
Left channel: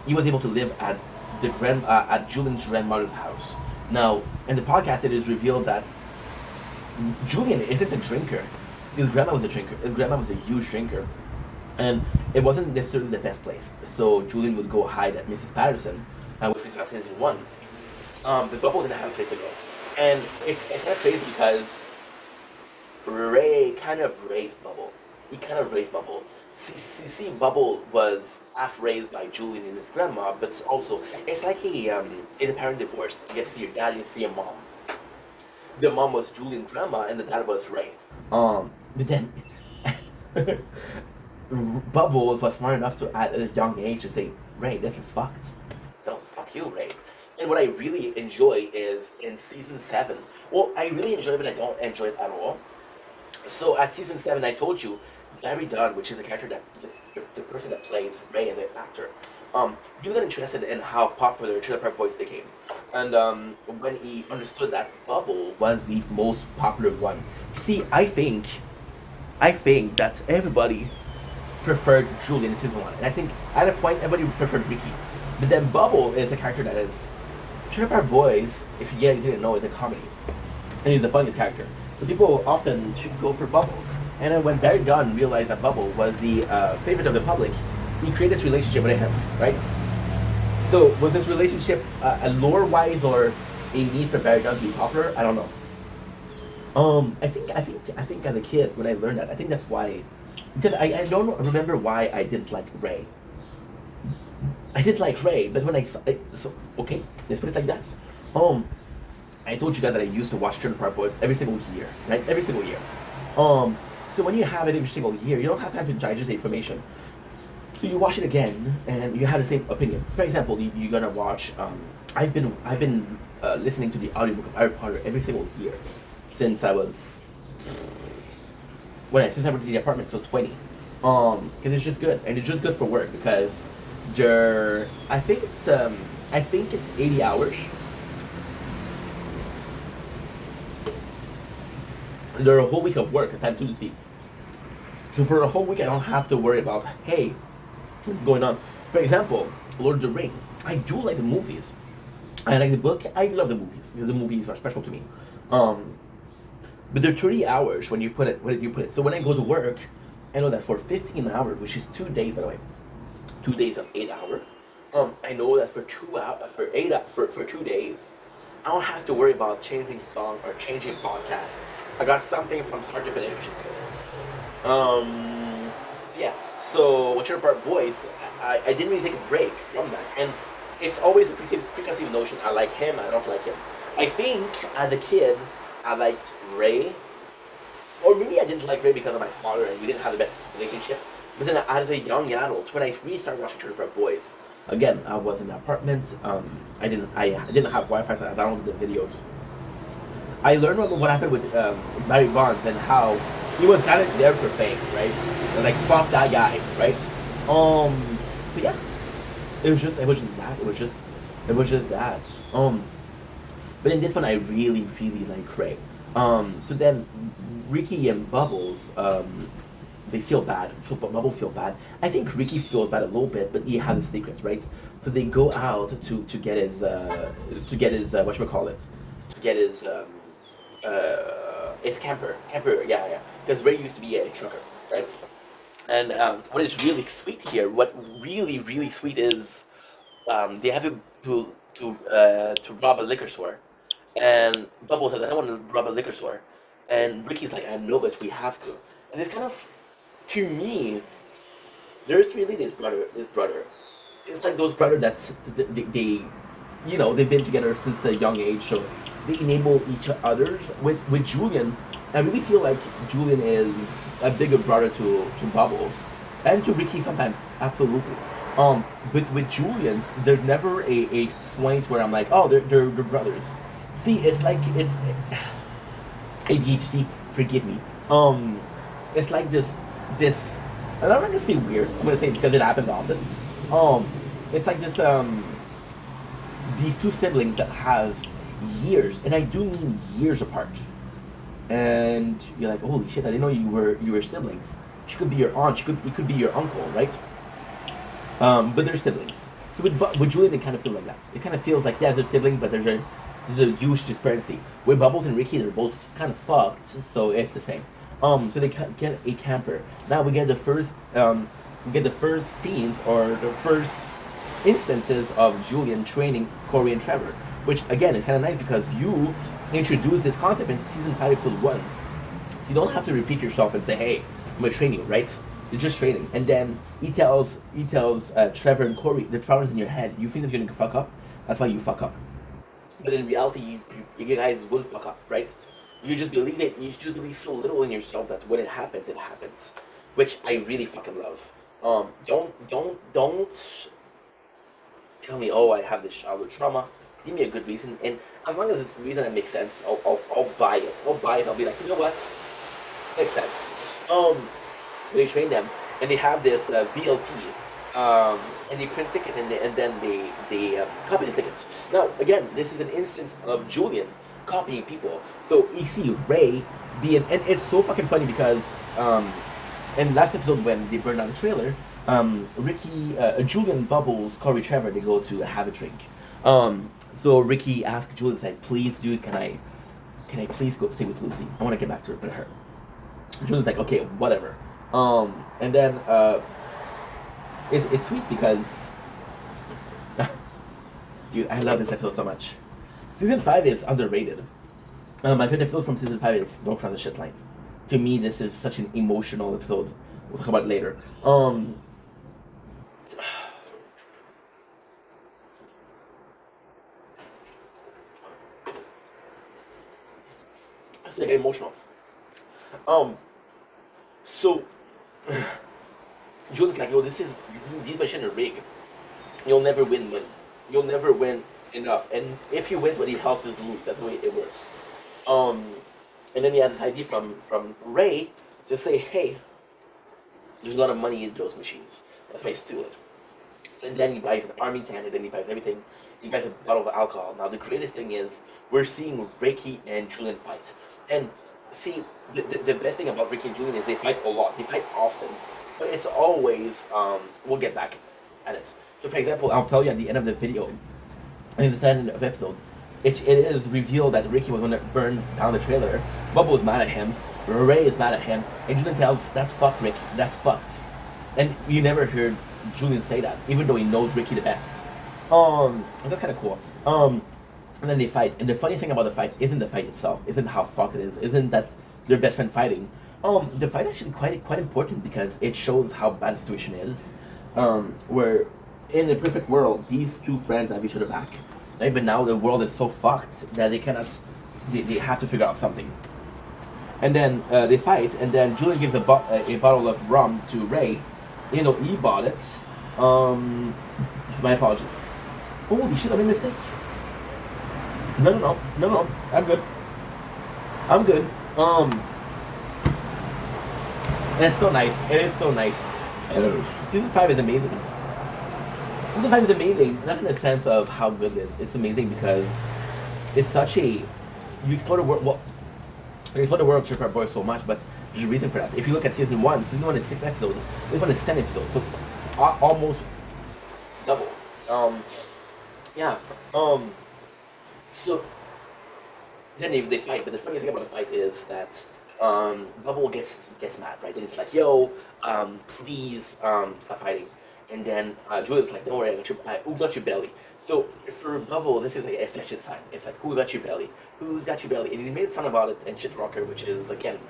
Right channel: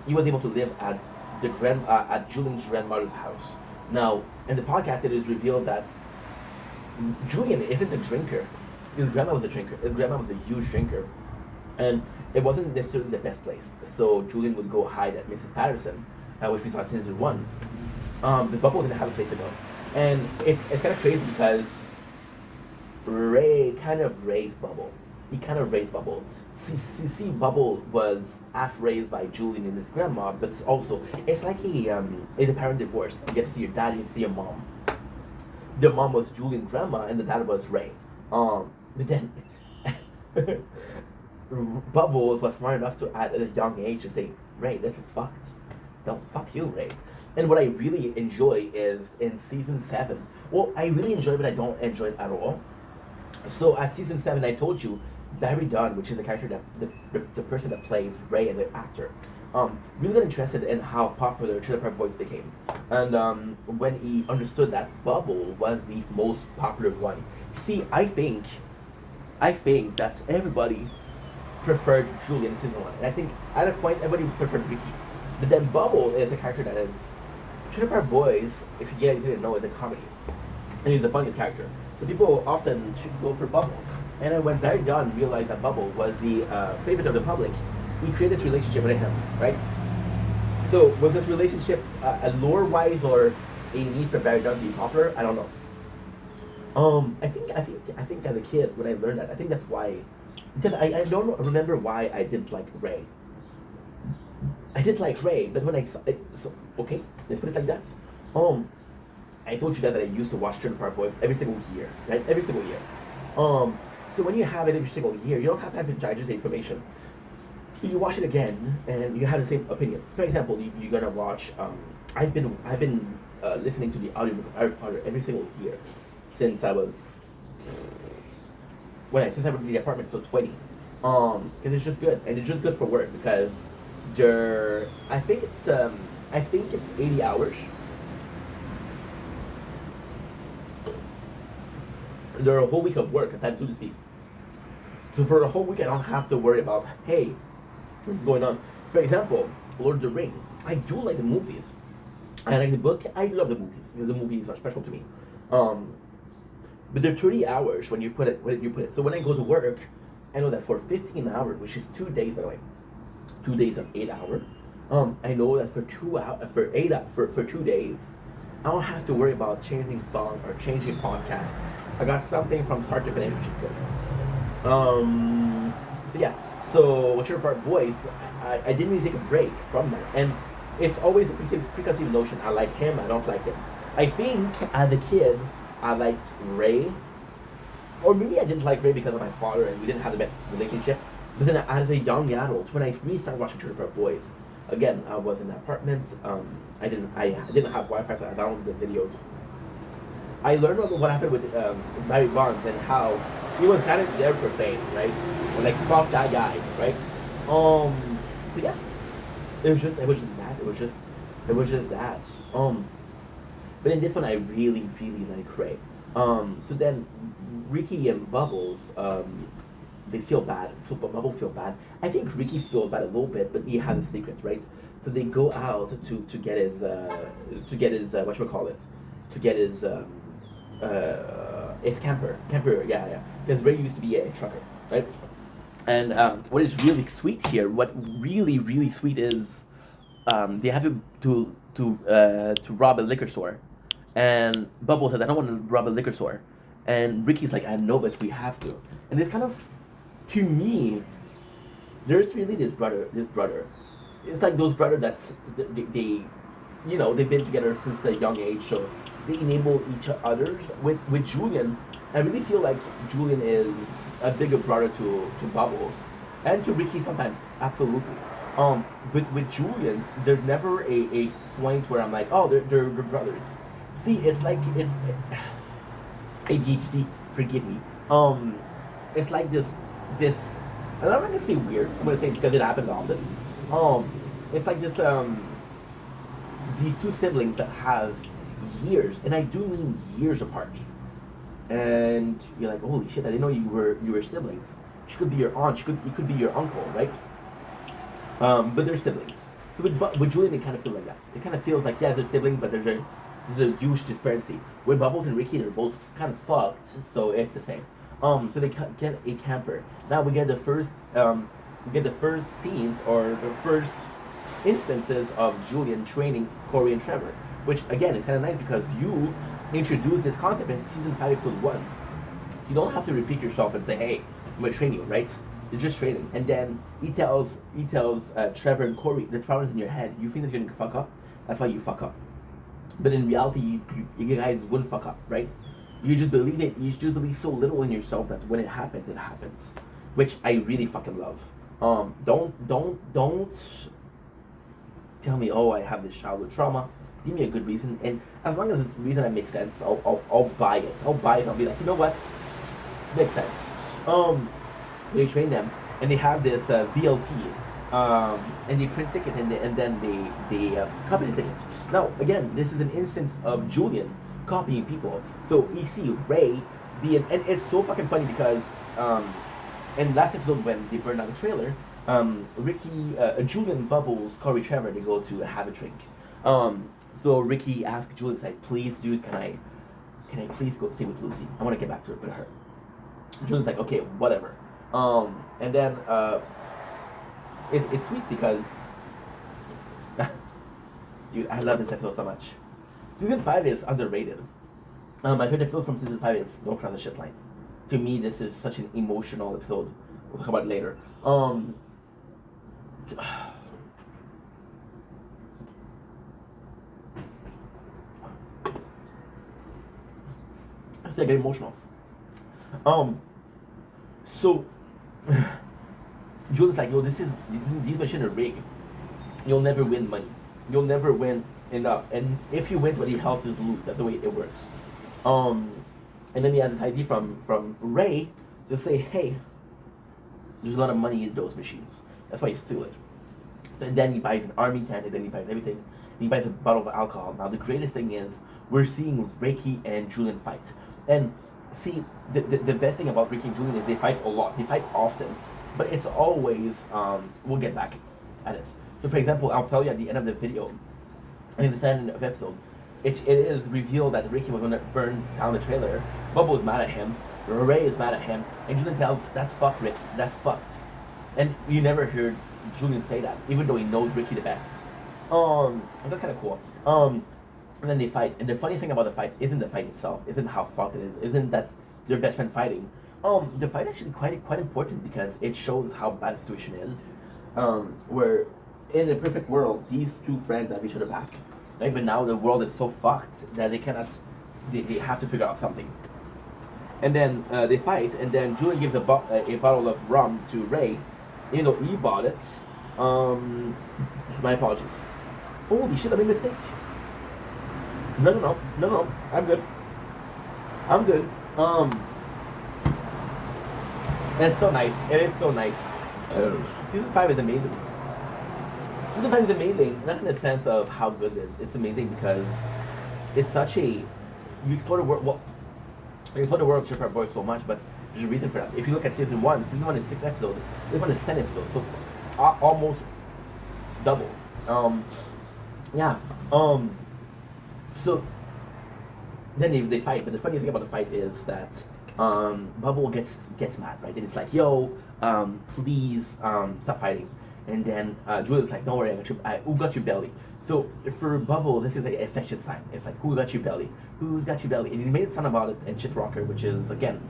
He was able to live at at Julian's grandmother's house. Now, in the podcast, it is revealed that Julian isn't a drinker. His grandma was a drinker. His grandma was a huge drinker, and it wasn't necessarily the best place. So Julian would go hide at Mrs. Patterson, which we saw in season 1. But Bubble didn't have a place to go, and it's kind of crazy because Ray kind of raised Bubble. He kind of raised Bubble. See, Bubble was half raised by Julian and his grandma, but also it's like a parent divorce. You get to see your dad, you get to see your mom. The mom was Julian's grandma, and the dad was Ray. But then Bubbles was smart enough to at a young age to say, "Ray, this is fucked. Don't fuck you, Ray." And what I really enjoy is in season 7. Well, I really enjoy it, but I don't enjoy it at all. So at season 7, I told you, Barry Dunn, which is the character that the person that plays Ray as an actor, really got interested in how popular Trailer Park Boys became, and when he understood that Bubble was the most popular one. See, I think that everybody preferred Julian in season 1, and I think at a point everybody preferred Ricky, but then Bubble is a character that is Trailer Park Boys. If you guys didn't know, is a comedy, and he's the funniest character. So people often should go for Bubbles. And then when Barry Dunn realized that Bubble was the favorite of the public, he created this relationship with him, right? So was this relationship a lore-wise or a need for Barry Dunn to be popular? I don't know. I think as a kid when I learned that, I think that's why, because I don't remember why I didn't like Ray. I didn't like Ray, but when I saw it, so okay, let's put it like that. I told you guys that I used to watch Trailer Park Boys every single year, right? Every single year. So when you have it every single year, you don't have time to digest the information. So you watch it again, and you have the same opinion. For example, you're gonna watch. I've been listening to the audiobook of Harry Potter every single year since I was since I went to the apartment, so 20. Because it's just good, and it's just good for work because I think it's 80 hours. They're a whole week of work at time to speak. So for the whole week, I don't have to worry about, hey, what's going on. For example, Lord of the Rings. I do like the movies. I like the book. I love the movies. The movies are special to me. But they're 30 hours when you put it. So when I go to work, I know that for 15 hours, which is 2 days, by the way, 2 days of 8 hours. I know that for 2 days, I don't have to worry about changing song or changing podcast. I got something from start to finish, which is good. So yeah. So with Trailer Park Boys, I didn't really take a break from that, and it's always a preconceived notion. I like him. I don't like him. I think as a kid, I liked Ray, or maybe I didn't like Ray because of my father, and we didn't have the best relationship. But then as a young adult, when I really started watching Trailer Park Boys, again, I was in an apartment. I didn't have Wi-Fi, so I downloaded the videos. I learned what happened with Barry Bonds and how he was kind of there for fame, right? And like, fuck that guy, right? So yeah, it was just that. It was just that. But in this one, I really, really like Ray. So then Ricky and Bubbles, they feel bad. So Bubbles feel bad. I think Ricky feels bad a little bit, but he has a secret, right? So they go out to get his whatchamacallit, to get his camper, yeah. Because Ray used to be a trucker, right? And what is really sweet here, what really, really sweet is, they have to rob a liquor store, and Bubble says, "I don't want to rob a liquor store," and Ricky's like, "I know, but we have to." And this kind of, to me, there's really this brother. It's like those brothers that's they they've been together since a young age, so they enable each other. With Julian, I really feel like Julian is a bigger brother to Bubbles, and to Ricky sometimes, absolutely. But with Julian's, there's never a point where I'm like, oh, they're brothers. See, it's like it's ADHD. Forgive me. It's like this. And I'm not gonna say weird. I'm gonna say it because it happens often. Um, it's like this. These two siblings that have years, and I do mean years apart. And you're like, holy shit! I didn't know you were siblings. She could be your aunt. It could be your uncle, right? But they're siblings. So with Julian, it kind of feels like that. It kind of feels like, yeah, they're siblings, but there's a huge disparity. With Bubbles and Ricky, they're both kind of fucked, so it's the same. So they get a camper. Now we get the first scenes, or the first instances of Julian training Corey and Trevor, which again is kind of nice because you introduce this concept in season 5, episode 1. You don't have to repeat yourself and say, "Hey, I'm gonna train you," right? You're just training, and then he tells Trevor and Corey, the trauma's in your head. You think that you're gonna fuck up, that's why you fuck up. But in reality, you guys wouldn't fuck up, right? You just believe it. You just believe so little in yourself that when it happens, which I really fucking love. Don't tell me, oh, I have this childhood trauma. Give me a good reason, and as long as it's a reason that makes sense, I'll buy it. I'll buy it. I'll be like, you know what, makes sense. They train them, and they have this VLT, and they print tickets, and then they copy the tickets. Now, again, this is an instance of Julian copying people. So you see Ray being, and it's so fucking funny because in last episode when they burned down the trailer, Ricky, Julian, Bubbles, Corey, Trevor, they go to have a drink. So Ricky asks Julian, like, please, dude, can I please go stay with Lucy? I want to get back to her. Julian's like, okay, whatever. And then it's sweet because dude, I love this episode so much. Season 5 is underrated. My favorite episode from season 5 is Don't Cross the Shit Line. To me, this is such an emotional episode. We'll talk about it later. I get emotional. So Julian's like, yo, these machines are rigged. You'll never win money. You'll never win enough. And if you win, somebody else is lose. That's the way it works. And then he has this idea from Ray to say, hey, there's a lot of money in those machines. That's why he steal it. So then he buys an army tent, and then he buys everything. He buys a bottle of alcohol. Now the greatest thing is we're seeing Ricky and Julian fight. And see, the best thing about Ricky and Julian is they fight a lot. They fight often. But it's always, we'll get back at it. So for example, I'll tell you at the end of the video, in the end of the episode, it is revealed that Ricky was going to burn down the trailer. Bubba is mad at him. Ray is mad at him. And Julian tells, that's fucked, Rick. That's fucked. And you never heard Julian say that, even though he knows Ricky the best. And that's kind of cool. And then they fight. And the funny thing about the fight isn't the fight itself, isn't how fucked it is, isn't that their best friend fighting. The fight is actually quite important because it shows how bad the situation is. Where in a perfect world, these two friends have each other back. Right? But now the world is so fucked that they cannot, they have to figure out something. And then they fight, and then Julian gives a bottle of rum to Ray. You know, he bought it. My apologies. Holy shit, I made a mistake. No, I'm good. I'm good. And it's so nice. It is so nice. Season 5 is amazing. Season 5 is amazing, not in the sense of how good it is. It's amazing because it's such a. You explore the world. Well, you explore the world of Tripper Boy so much, but there's a reason for that. If you look at season 1 is 6 episodes. This one is 10 episodes, so almost double. Yeah. So then they fight, but the funny thing about the fight is that Bubble gets mad, right? And it's like, yo, please stop fighting. And then Juliet's like, don't worry, who got your belly? So for Bubble, this is like a affection sign. It's like, who got your belly? Who's got your belly? And he made fun about it in Shit Rocker, which is, again,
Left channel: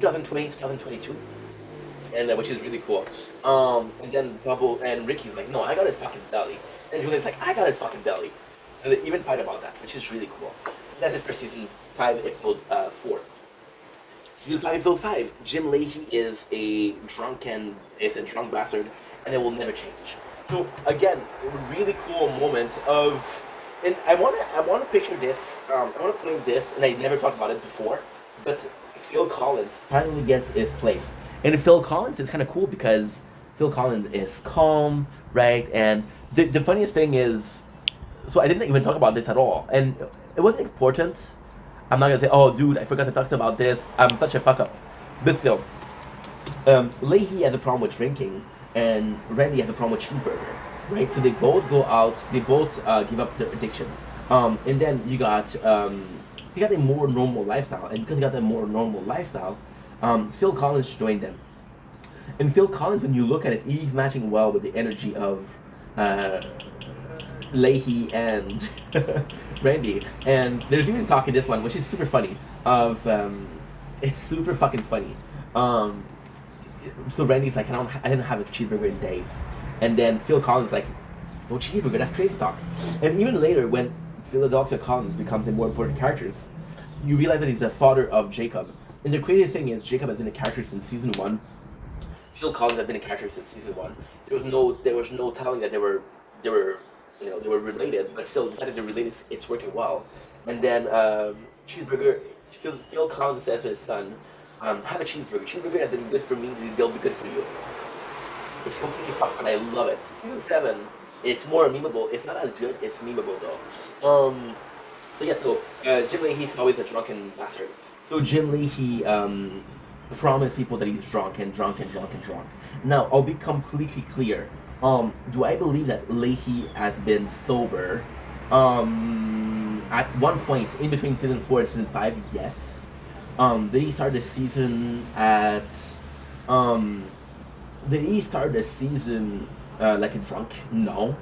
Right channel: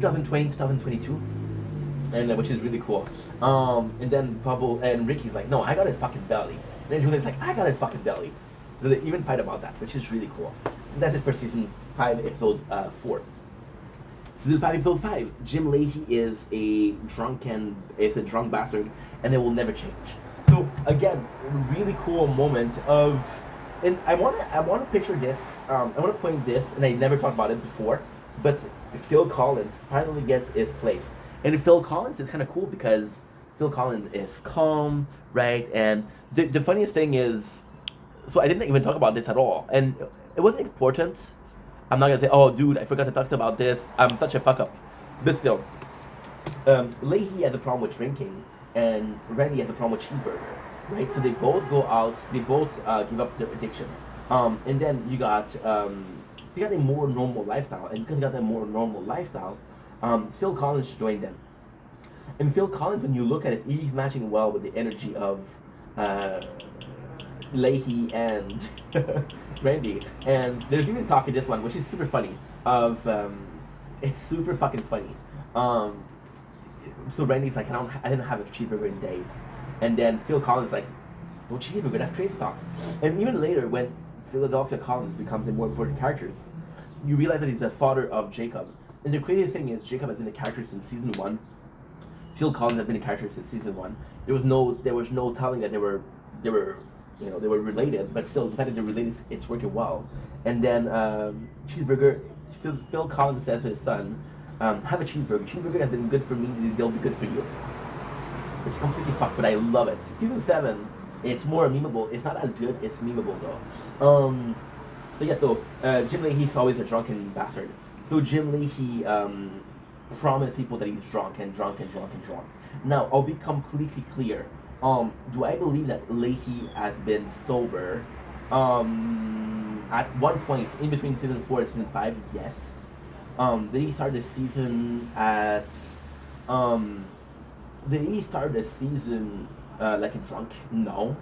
2020, 2022. And which is really cool. And then Bubble and Ricky's like, no, I got his fucking belly. And then Juliet's like, I got his fucking belly. So they even fight about that, which is really cool. That's it for season 5, episode 4. Season 5, episode 5. Jim Leahy is a drunk bastard, and it will never change. So again, really cool moment of, and I want to picture this. I want to point this, and I never talked about it before, but Phil Collins finally gets his place. And Phil Collins is kind of cool because Phil Collins is calm, right? And the funniest thing is, so I didn't even talk about this at all, and it wasn't important. I'm not gonna say, oh, dude, I forgot to talk about this. I'm such a fuck up. But still, Leahy has a problem with drinking, and Randy has a problem with cheeseburger, right? So they both go out. They both give up their addiction, and then you got they got a more normal lifestyle, and because they got a more normal lifestyle, Phil Collins joined them. And Phil Collins, when you look at it, he's matching well with the energy of Leahy and Randy. And there's even talk in this one, which is super funny. It's super fucking funny. So Randy's like, I didn't have a cheeseburger in days. And then Phil Collins like, no cheeseburger, that's crazy talk. And even later, when Philadelphia Collins becomes a more important character, you realize that he's the father of Jacob. And the craziest thing is, Jacob has been a character since season 1. Phil Collins has been a character since season 1. There was no telling that they were related, but still the fact that they're related, it's working well. And then cheeseburger, Phil Collins says to his son, have a cheeseburger. Cheeseburger has been good for me, they'll be good for you. It's completely fucked, but I love it. Season 7, it's more memeable. It's not as good, it's memeable though. Jim Leahy's always a drunken bastard. So Jim Leahy promised people that he's drunk. Now, I'll be completely clear. Do I believe that Leahy has been sober? At one point in between season 4 and season 5, yes. Did he start the season at like a drunk? No.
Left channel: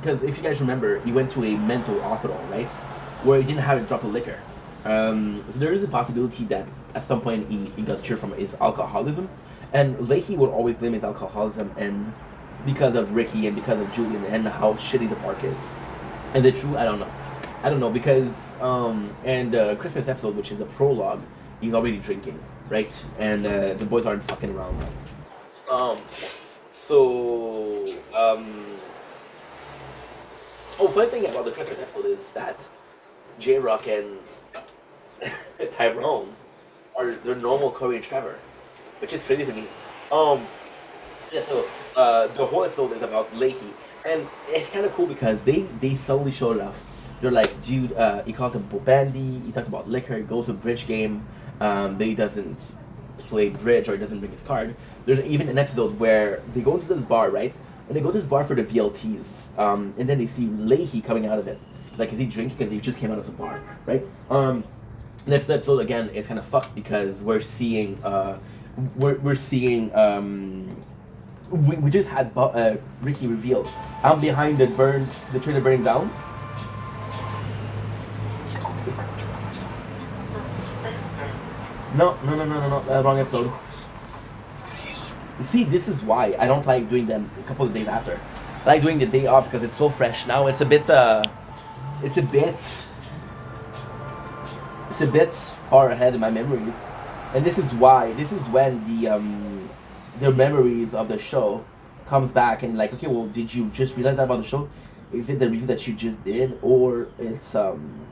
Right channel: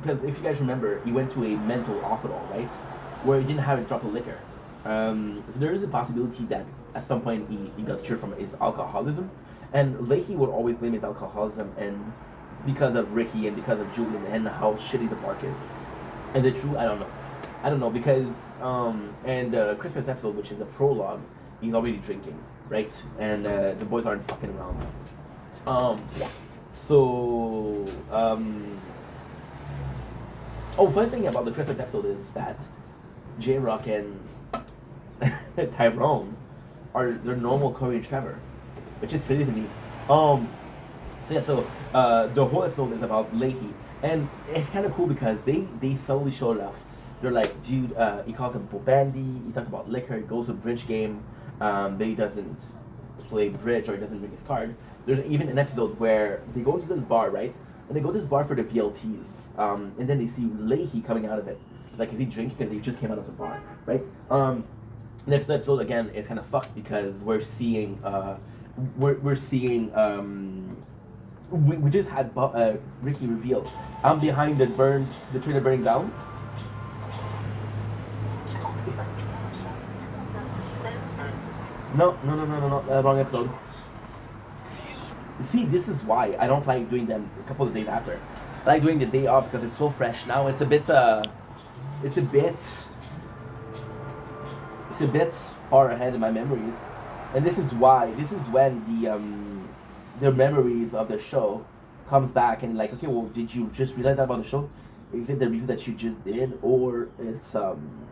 Because if you guys remember, he went to a mental hospital, right? Where he didn't have a drop of liquor. So there is a possibility that at some point he got cured from his alcoholism. And Leahy would always blame his alcoholism and because of Ricky and because of Julian and how shitty the park is. And the truth, I don't know because Christmas episode, which is the prologue, he's already drinking, right? And the boys aren't fucking around. Funny thing about the Christmas episode is that J-Rock and Tyrone are their normal Corey and Trevor, which is crazy to me. The whole episode is about Leahy, and it's kind of cool because they slowly showed it off. They're like, dude, he calls him Bobandy, he talks about liquor, he goes to a bridge game, but he doesn't play bridge or he doesn't bring his card. There's even an episode where they go to this bar, right? And they go to this bar for the VLTs, and then they see Leahy coming out of it. Like, is he drinking because he just came out of the bar, right? Next episode, again, it's kind of fucked because we're seeing, we just had Ricky reveal, I'm behind the train burning down. No, wrong episode. You see, this is why I don't like doing them a couple of days after. I like doing the day off because it's so fresh. Now it's a bit far ahead in my memories, and this is when the memories of the show comes back and like, okay, well, did you just realize that about the show? Is it the review that you just did, or is it something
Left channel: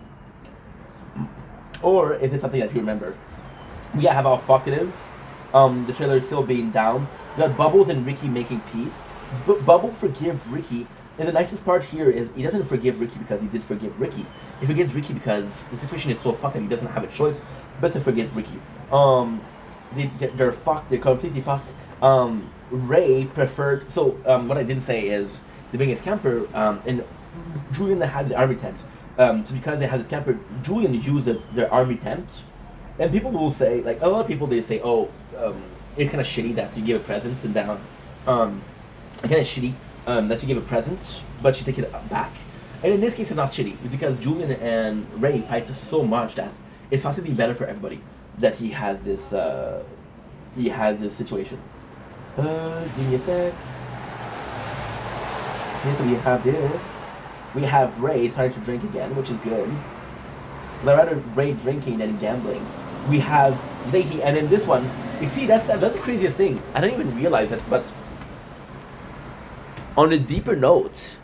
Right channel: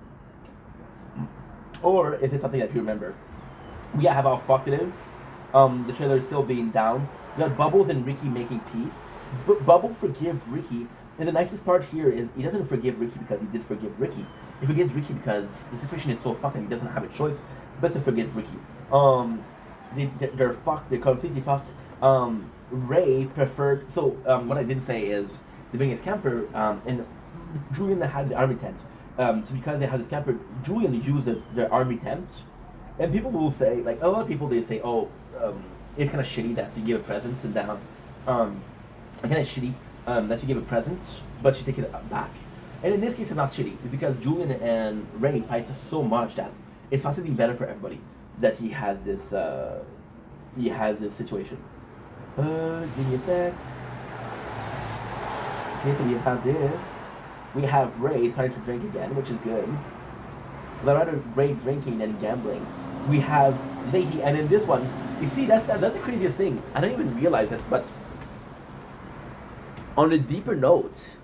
that you remember? We have how fucked it is. The trailer is still being down. You got Bubbles and Ricky making peace. Bubble forgive Ricky, and the nicest part here is he doesn't forgive Ricky because he did forgive Ricky. He forgives Ricky because the situation is so fucked and he doesn't have a choice but to forgive Ricky. They're fucked. They're completely fucked. Ray preferred. So what I didn't say is they bring his camper, and Julian had the army tent. So because they had this camper, Julian used their army tent, and people will say, like a lot of people, they say, oh, it's kind of shitty that you give a present and down, kind of shitty that you give a present, but you take it back. And in this case, it's not shitty. It's because Julian and Ray fight so much that it's possibly better for everybody that he has this situation. Give me a sec. Okay, so we have this. We have Ray starting to drink again, which is good. But rather Ray drinking than gambling. We have Leahy, and in this one, you see that's the craziest thing. I didn't even realize it, but on a deeper note,